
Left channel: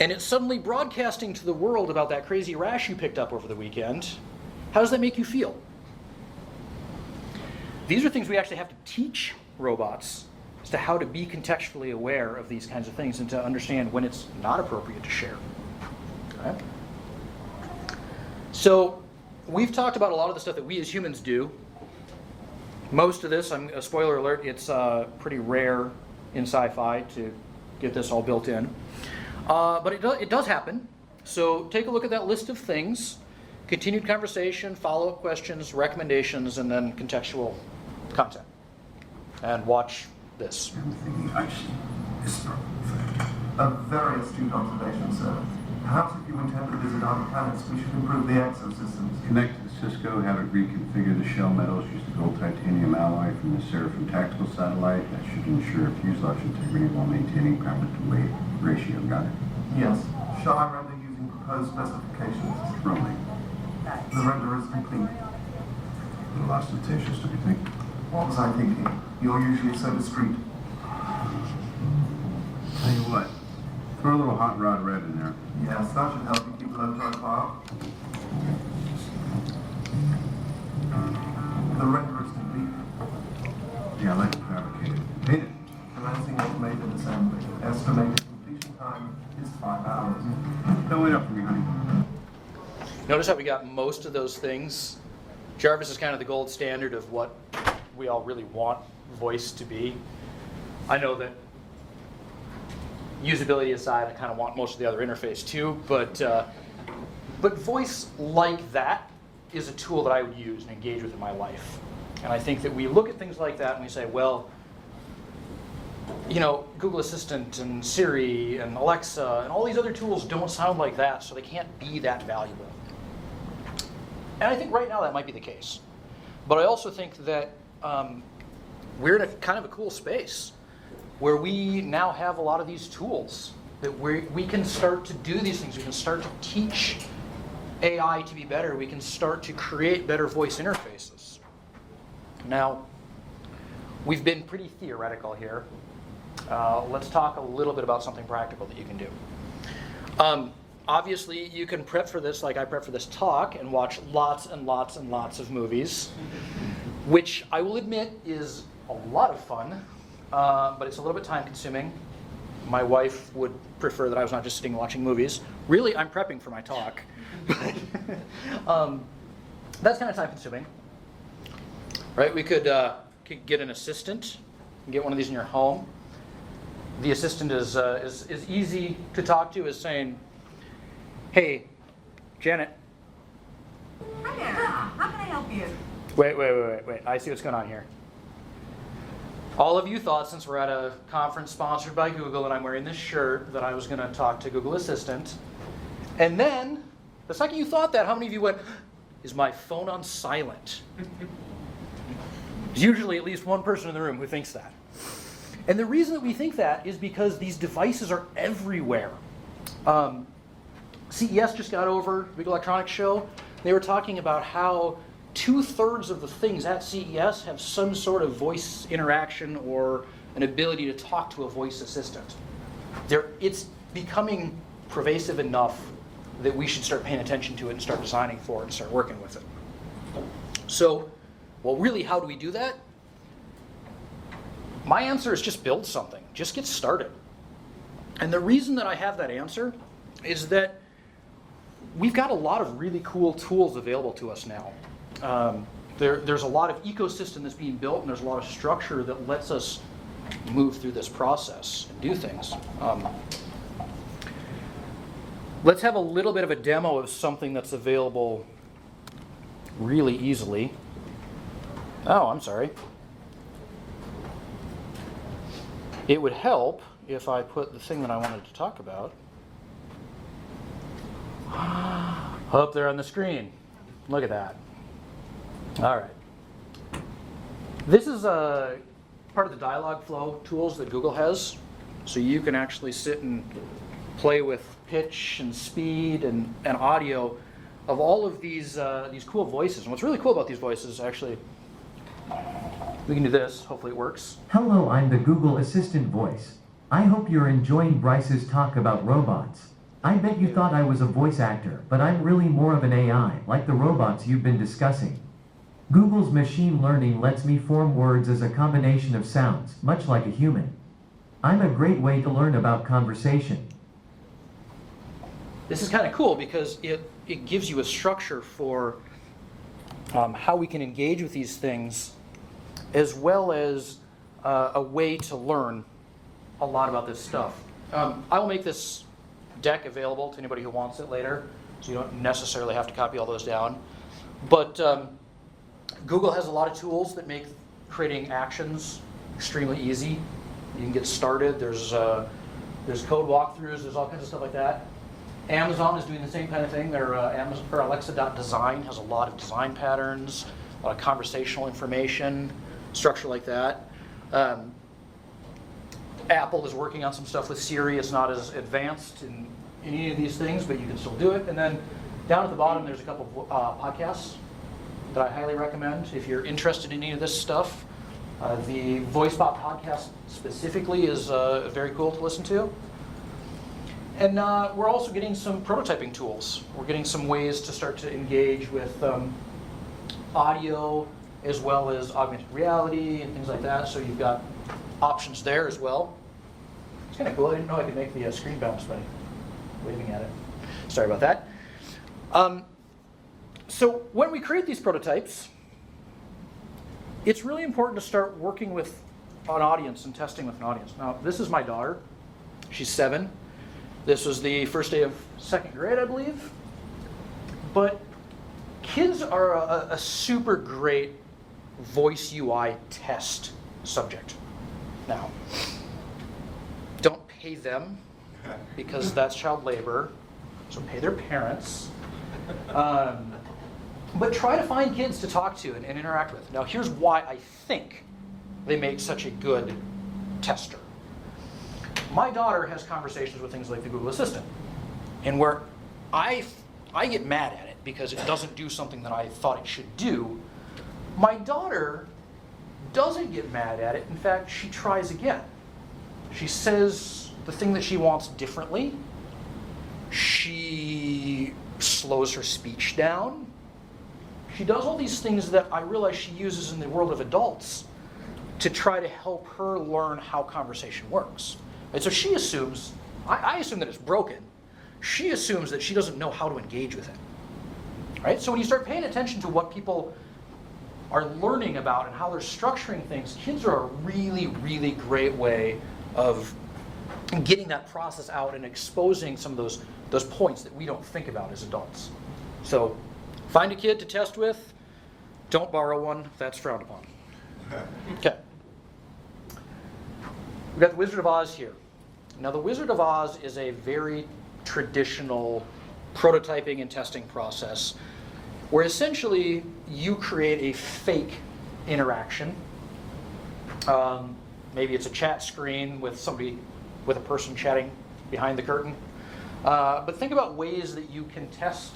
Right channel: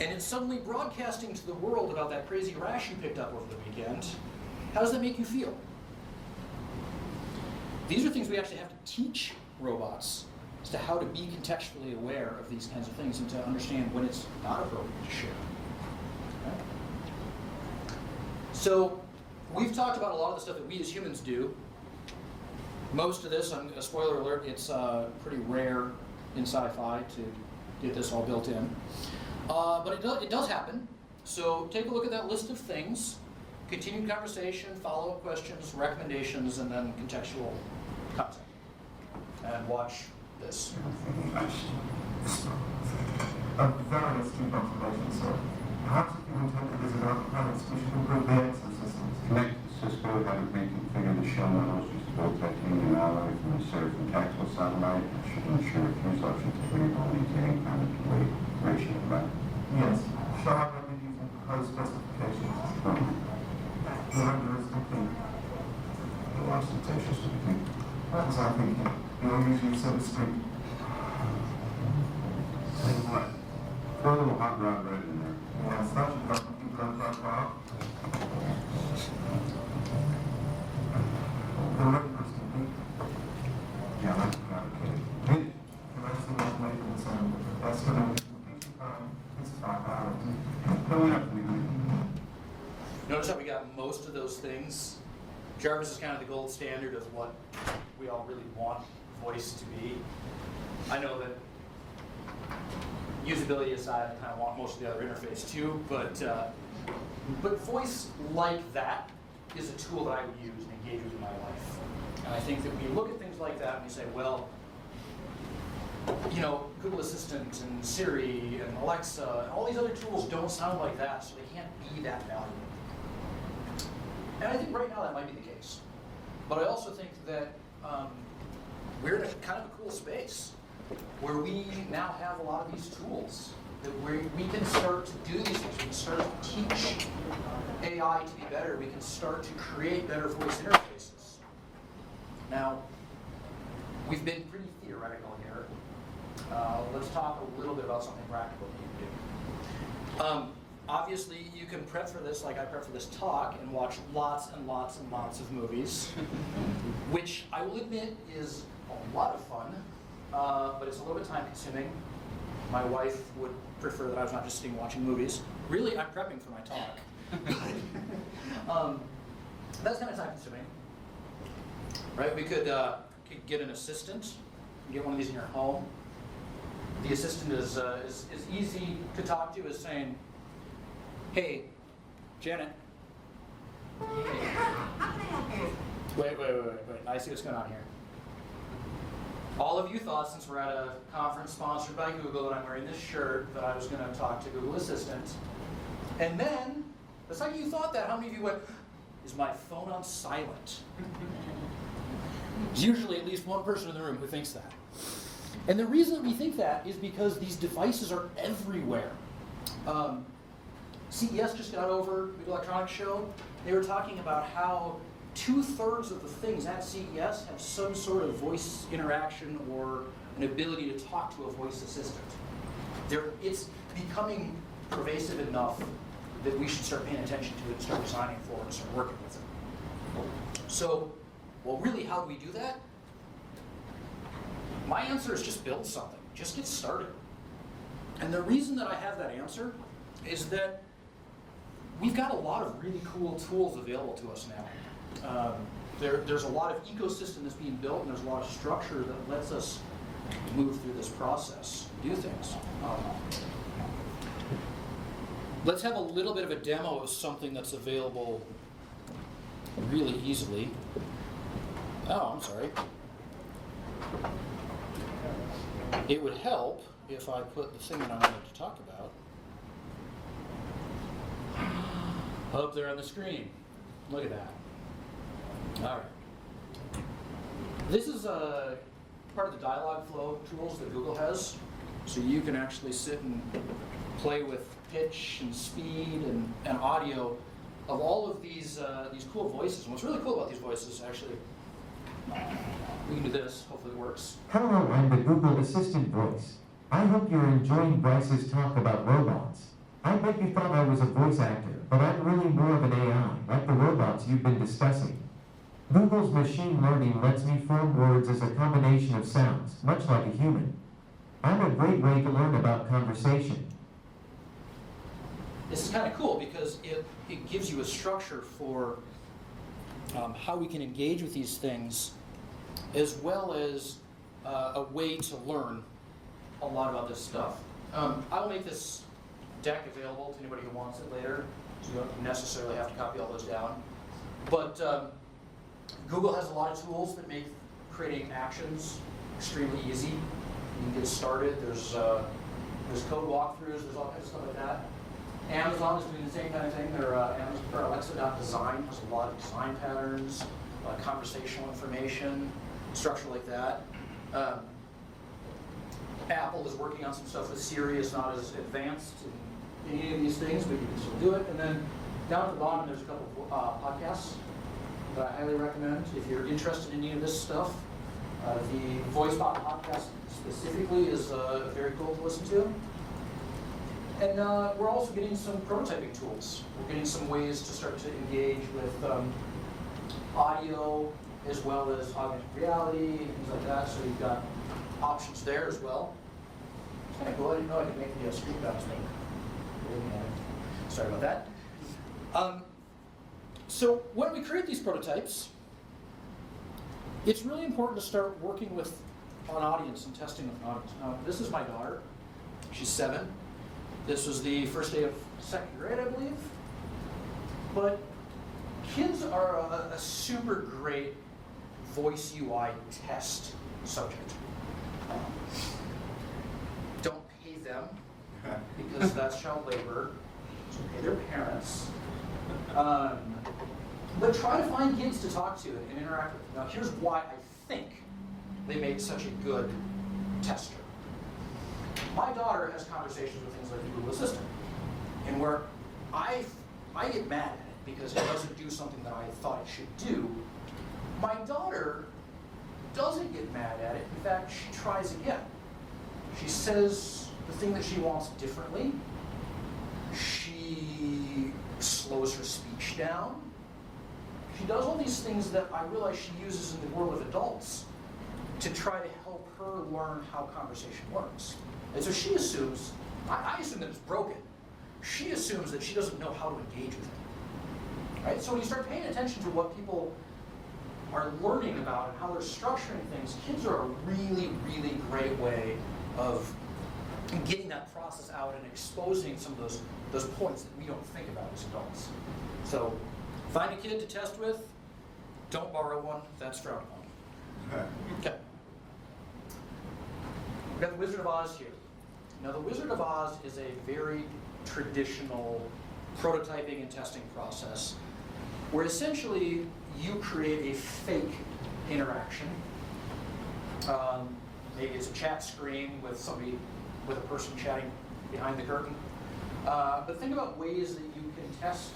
and it's suddenly broadcasting to the world about that crazy rash you picked up over the weekend, how does that make you feel? These are things we actually have to teach robots as to how to be contextually aware of these kinds of things and to understand when it's not appropriate to share. Okay? So we've talked about a lot of the stuff that we as humans do. Most of this, a spoiler alert, it's pretty rare in sci-fi to get this all built in. But it does happen. So take a look at that list of things. Continued conversation, follow-up questions, recommendations, and then contextual content. And watch this. A very astute observation, sir. Perhaps if you intend to visit other planets, we should improve the exosystems. Connect to Cisco, have it reconfigure the shell metals, use the gold titanium alloy from the Seraphim tactical satellite. That should ensure fuselage integrity while maintaining ground to weight ratio. Got it? Yes. Shall I render using proposed specifications? Certainly. The render is complete. A lot of sensations to be thinking. What was I thinking? You're usually so discreet. Tell you what, throw a little hot rod red in there. Yes, that should help you keep low profile. The render is complete. Yeah, let's fabricate it. Paint it. Commencing automated assembly. Estimated completion time is 5 hours. Fill it up for me, honey. Notice how we got most of those things. Jarvis is kind of the gold standard of what we all really want voice to be. I know that usability aside, I kind of want most of the other interface too, but voice like that is a tool that I would use and engage with in my life. And I think that we look at things like that and we say, well, you know, Google Assistant and Siri and Alexa and all these other tools don't sound like that, so they can't be that valuable. And I think right now that might be the case. But I also think that we're in a kind of a cool space where we now have a lot of these tools that we can start to do these things. We can start to teach AI to be better. We can start to create better voice interfaces. Now, we've been pretty theoretical here. Let's talk a little bit about something practical that you can do. Obviously, you can prep for this like I prep for this talk and watch lots and lots and lots of movies, which I will admit is a lot of fun, but it's a little bit time consuming. My wife would prefer that I was not just sitting watching movies. Really, I'm prepping for my talk. That's kind of time consuming. Right, we could get an assistant, get one of these in your home. The assistant is easy to talk to as saying, "Hey, Janet." Hi there. How can I help you? Wait. I see what's going on here. All of you thought, since we're at a conference sponsored by Google and I'm wearing this shirt, that I was going to talk to Google Assistant. And then, the second you thought that, how many of you went, "Is my phone on silent?" Usually at least one person in the room who thinks that. And the reason that we think that is because these devices are everywhere. CES just got over, Big Electronics Show. They were talking about how 2/3 of the things at CES have some sort of voice interaction or an ability to talk to a voice assistant. It's becoming pervasive enough that we should start paying attention to it and start designing for it and start working with it. So, well, really, how do we do that? My answer is just build something. Just get started. And the reason that I have that answer is that we've got a lot of really cool tools available to us now. There's a lot of ecosystem that's being built, and there's a lot of structure that lets us move through this process, do things. Let's have a little bit of a demo of something that's available really easily. Oh, I'm sorry. It would help if I put the thing that I wanted to talk about up there on the screen. Look at that. All right. This is a part of the dialogue flow tools that Google has. So you can actually sit and play with pitch and speed and audio of all of these cool voices. And what's really cool about these voices, actually, we can do this. Hopefully it works. Hello, I'm the Google Assistant voice. I hope you're enjoying Bryce's talk about robots. I bet you thought I was a voice actor, but I'm really more of an AI, like the robots you've been discussing. Google's machine learning lets me form words as a combination of sounds, much like a human. I'm a great way to learn about conversation. This is kind of cool because it gives you a structure for how we can engage with these things, as well as a way to learn a lot about this stuff. I will make this deck available to anybody who wants it later, so you don't necessarily have to copy all those down. But Google has a lot of tools that make creating actions extremely easy. You can get started. There's code walkthroughs. There's all kinds of stuff like that. Amazon is doing the same kind of thing. Their Alexa.design has a lot of design patterns, a lot of conversational information, structure like that. Apple is working on some stuff with Siri. It's not as advanced in any of these things, but you can still do it. And then down at the bottom, there's a couple of podcasts that I highly recommend if you're interested in any of this stuff. The VoiceBot podcast specifically is very cool to listen to. And we're also getting some prototyping tools. We're getting some ways to start to engage with audio as well as augmented reality and things like that. So you've got options there as well. It's kind of cool. I didn't know I could make the screen bounce when waving at it. Sorry about that. So when we create these prototypes, it's really important to start working with an audience and testing with an audience. Now, this is my daughter. She's 7. This was the first day of 2nd grade, I believe. But kids are a super great voice UI test subject. Now, don't pay them because that's child labor, so pay their parents. But try to find kids to talk to and interact with. Now, here's why I think they make such a good tester. My daughter has conversations with things like the Google Assistant, and where I get mad at it because it doesn't do something that I thought it should do, my daughter doesn't get mad at it. In fact, she tries again. She says the thing that she wants differently. She slows her speech down. She does all these things that I realize she uses in the world of adults to try to help her learn how conversation works. And so she assumes, I assume that it's broken. She assumes that she doesn't know how to engage with it. Right? So when you start paying attention to what people are learning about and how they're structuring things, kids are a really, really great way of getting that process out and exposing some of those points that we don't think about as adults. So find a kid to test with. Don't borrow one. That's frowned upon. Okay. We've got the Wizard of Oz here. Now the Wizard of Oz is a very traditional prototyping and testing process where essentially you create a fake interaction. Maybe it's a chat screen with a person chatting behind the curtain. But think about ways that you can test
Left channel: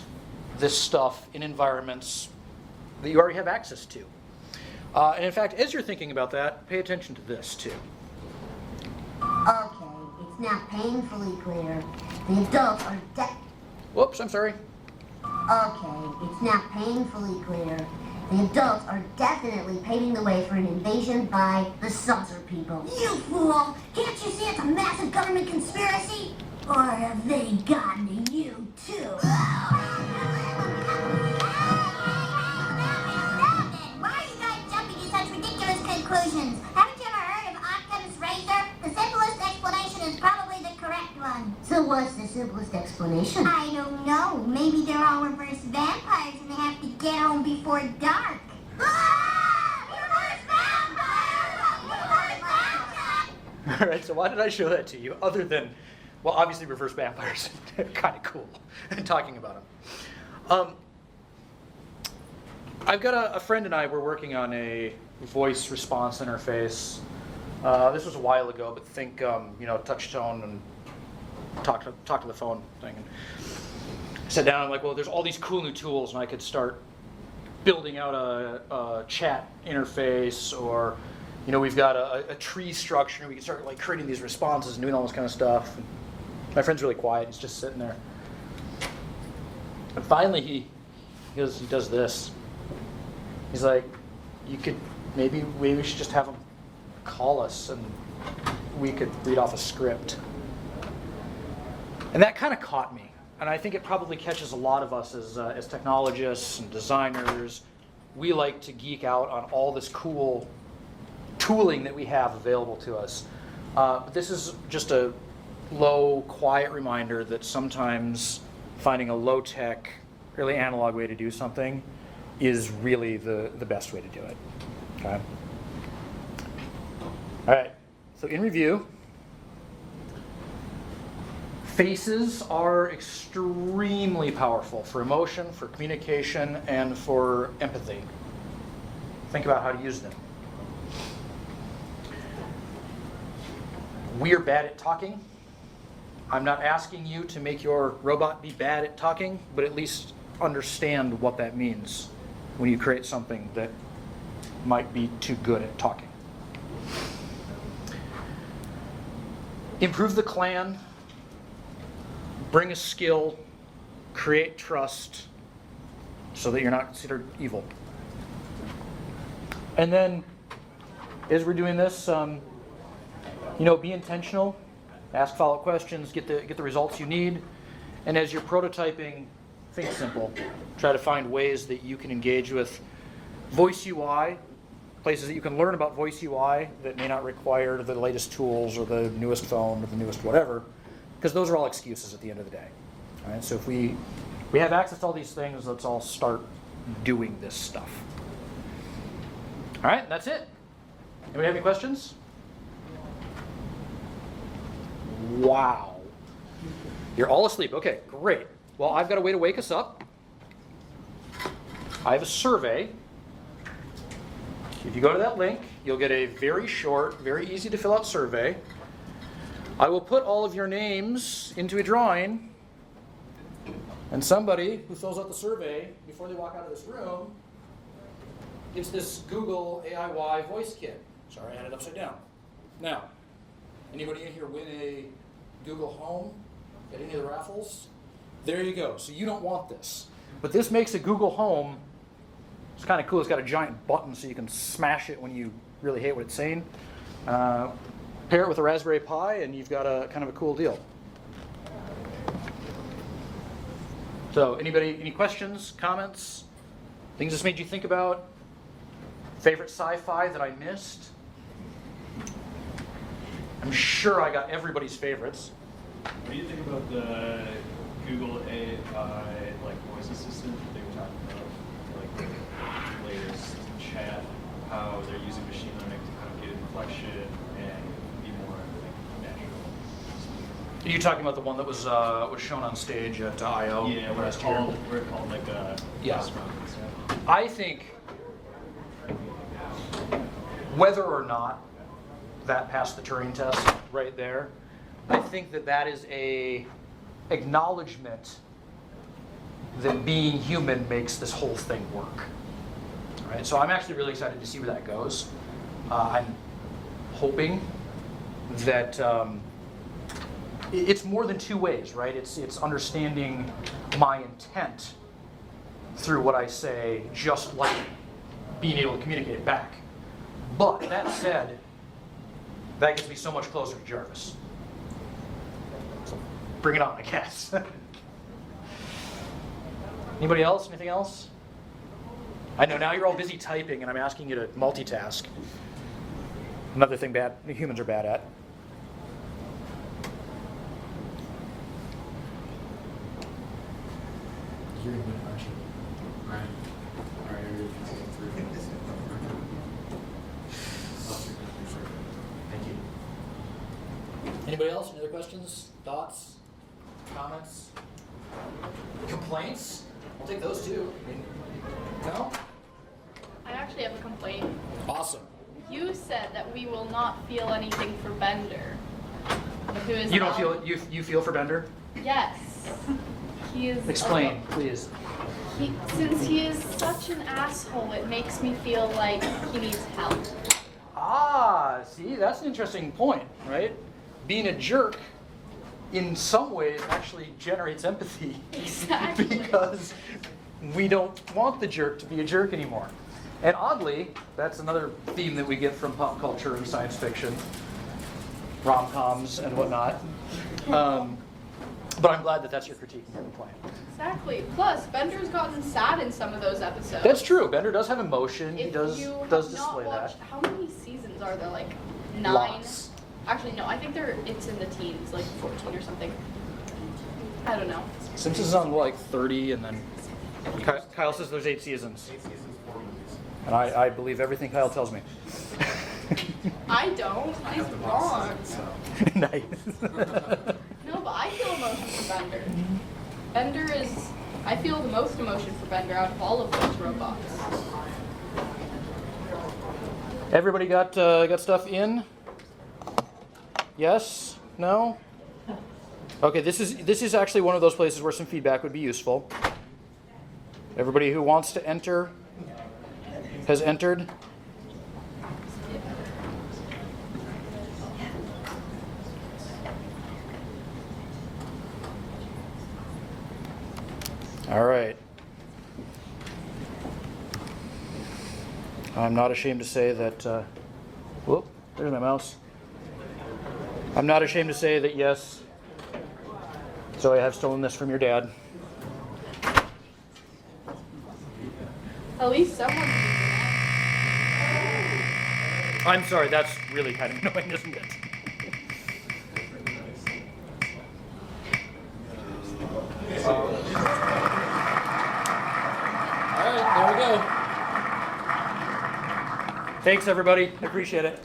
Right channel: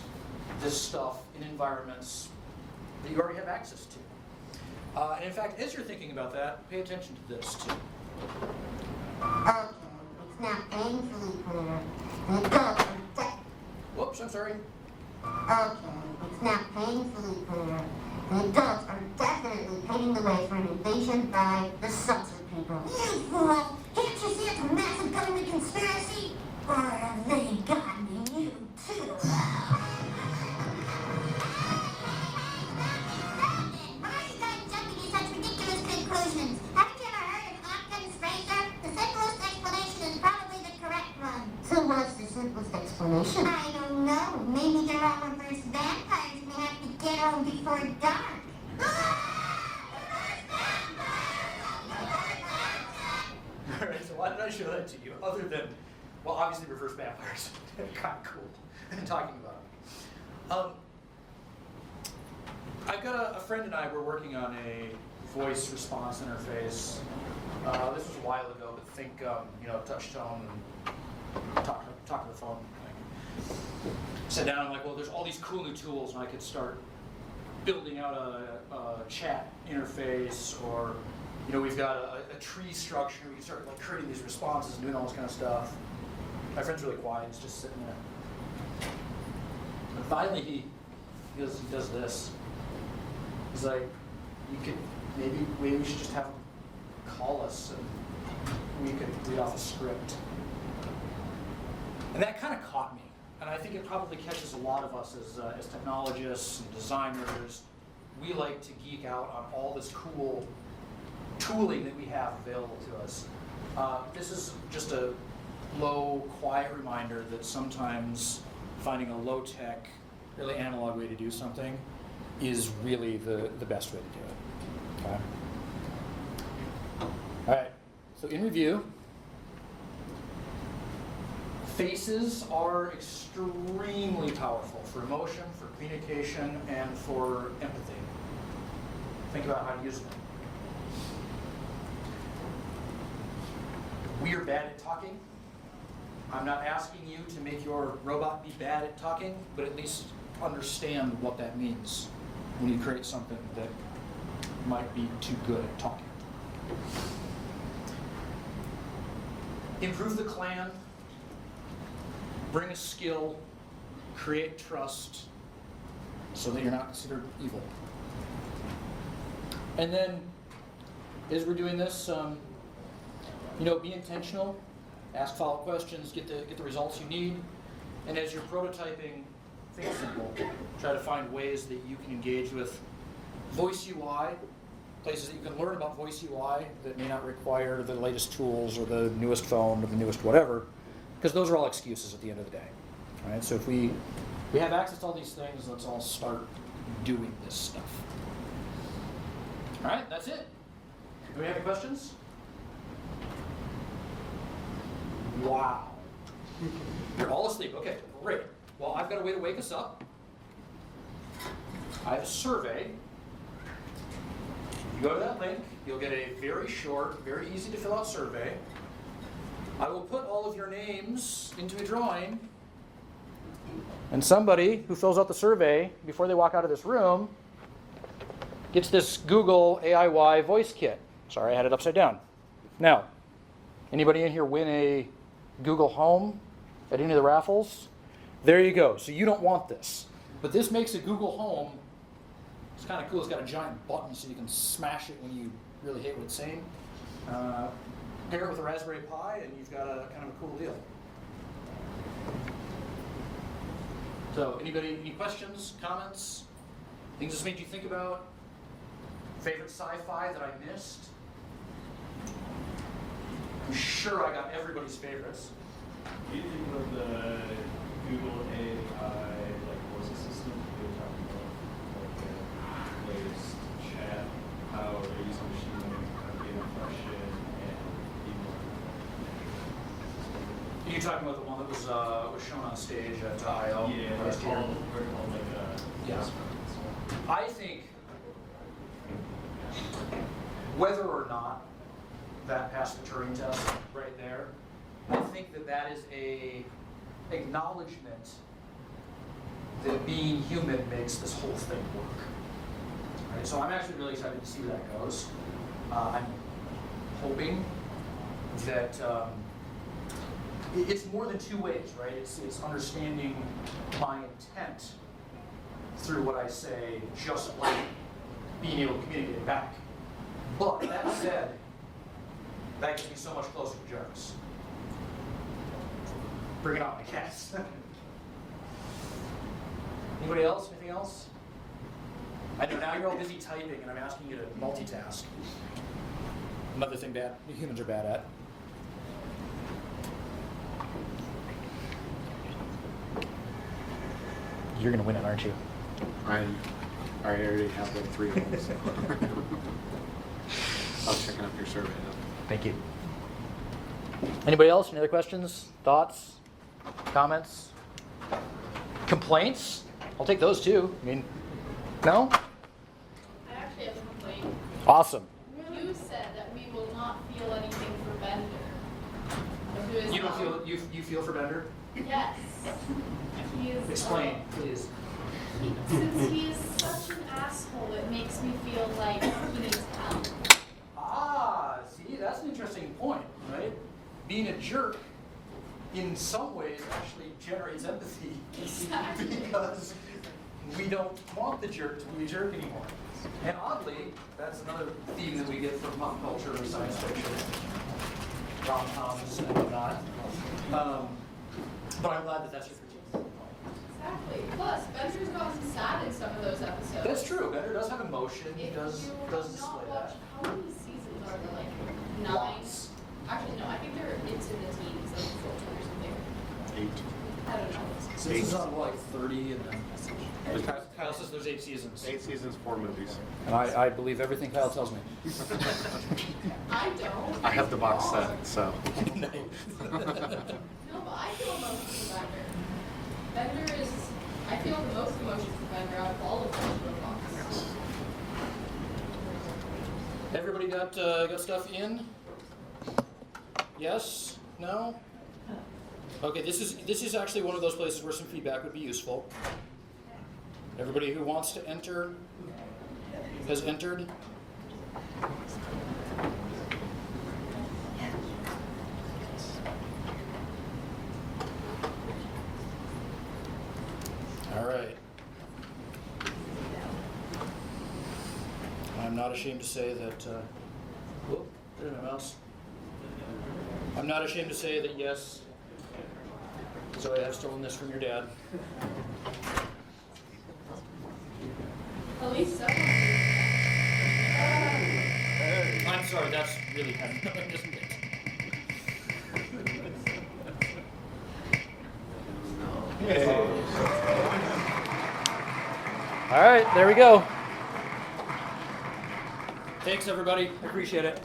this stuff in environments that you already have access to. And in fact, as you're thinking about that, pay attention to this too. Okay, it's now painfully clear. The adults are Whoops, I'm sorry. Okay, it's now painfully clear. The adults are definitely paving the way for an invasion by the saucer people. You fool! Can't you see it's a massive government conspiracy? Or have they gotten you too? Why are you guys jumping to such ridiculous conclusions? Haven't you ever heard of Occam's razor? The simplest explanation is probably the correct one. So what's the simplest explanation? I don't know. Maybe they're all reverse vampires and they have to get home before dark. All right, so why did I show that to you? Other than, well, obviously reverse vampires. Kind of cool talking about them. I've got a friend and I were working on a voice response interface. This was a while ago, but think, touch tone and talk to the phone thing. Sat down and I'm like, well, there's all these cool new tools, and I could start building out a chat interface, or we've got a tree structure. We can start like creating these responses and doing all this kind of stuff. My friend's really quiet. He's just sitting there. And finally, he does this. He's like, maybe we should just have him call us, and we could read off a script. And that kind of caught me. And I think it probably catches a lot of us as technologists and designers. We like to geek out on all this cool tooling that we have available to us. This is just a low, quiet reminder that sometimes finding a low-tech, really analog way to do something is really the best way to do it. Okay. All right. So in review, faces are extremely powerful for emotion, for communication, and for empathy. Think about how to use them. We are bad at talking. I'm not asking you to make your robot be bad at talking, but at least understand what that means when you create something that might be too good at talking. Improve the clan, bring a skill, create trust so that you're not considered evil. And then, as we're doing this, be intentional, ask follow-up questions, get the results you need, and as you're prototyping, think simple. Try to find ways that you can engage with voice UI, places that you can learn about voice UI that may not require the latest tools or the newest phone or the newest whatever, because those are all excuses at the end of the day. All right, so if we have access to all these things, let's all start doing this stuff. All right, that's it. Anybody have any questions? Wow. You're all asleep. Okay, great. Well, I've got a way to wake us up. I have a survey. If you go to that link, you'll get a very short, very easy to fill out survey. I will put all of your names into a drawing, and somebody who fills out the survey before they walk out of this room gets this Google AIY voice kit. Sorry, I had it upside down. Now, anybody in here win a Google Home at any of the raffles? There you go. So you don't want this. But this makes a Google Home, it's kind of cool. It's got a giant button so you can smash it when you really hate what it's saying. Pair it with a Raspberry Pi and you've got a kind of a cool deal. So anybody, any questions, comments, things this made you think about? Favorite sci-fi that I missed? I'm sure I got everybody's favorites. What do you think about the Google AI voice assistant they were talking about, the latest chat, how they're using machine learning to kind of get inflection and be more natural? Are you talking about the one that was shown on stage at I/O? Yeah, where it's called like a restaurant. I think whether or not that passed the Turing test right there, I think that is a acknowledgement that being human makes this whole thing work. Right? So I'm actually really excited to see where that goes. I'm hoping that it's more than two ways, right? It's understanding my intent through what I say, just like being able to communicate back. But that said, that gets me so much closer to Jarvis. So bring it on, I guess. Anybody else? Anything else? I know now you're all busy typing and I'm asking you to multitask. Another thing humans are bad at. You're going to win it, aren't you? I already have like 3 minutes. I'll check out your survey. Thank you. Anybody else? Any other questions, thoughts, comments, complaints? I'll take those too. I mean, no? I actually have a complaint. Awesome. You said that we will not feel anything for Bender. Who is You don't feel you feel for Bender? Yes. He is. Explain, please. Since he is such an asshole, it makes me feel like he needs help. Ah, see, that's an interesting point, right? Being a jerk, in some ways, actually generates empathy. Exactly. Because we don't want the jerk to be a jerk anymore. And oddly, that's another theme that we get from pop culture and science fiction, rom-coms and whatnot. But I'm glad that that's your critique of the plan. Exactly. Plus, Bender's gotten sad in some of those episodes. That's true. Bender does have emotion. If He does you have display not watched, that. how many seasons are there? Like 9? Lots. Actually, no. I think it's in the teens, like 14 or something. 8. I don't know. Simpsons on like 30, and then Kyle says there's 8 seasons. 8 seasons, 4 movies. And I believe everything Kyle tells me. I don't. I have the box Wrong. set, so. Nice. No, but I feel emotion for Bender. Bender is. I feel the most emotion for Bender out of all of those robots. Everybody got stuff in? Yes? No? Okay, this is actually one of those places where some feedback would be useful. Everybody who wants to enter has entered. All right. I'm not ashamed to say that, whoop, there's my mouse. I'm not ashamed to say that yes, so I have stolen this from your dad. At least someone. I'm sorry, that's really kind of annoying, isn't it? All right, there we go. Thanks, everybody. I appreciate it.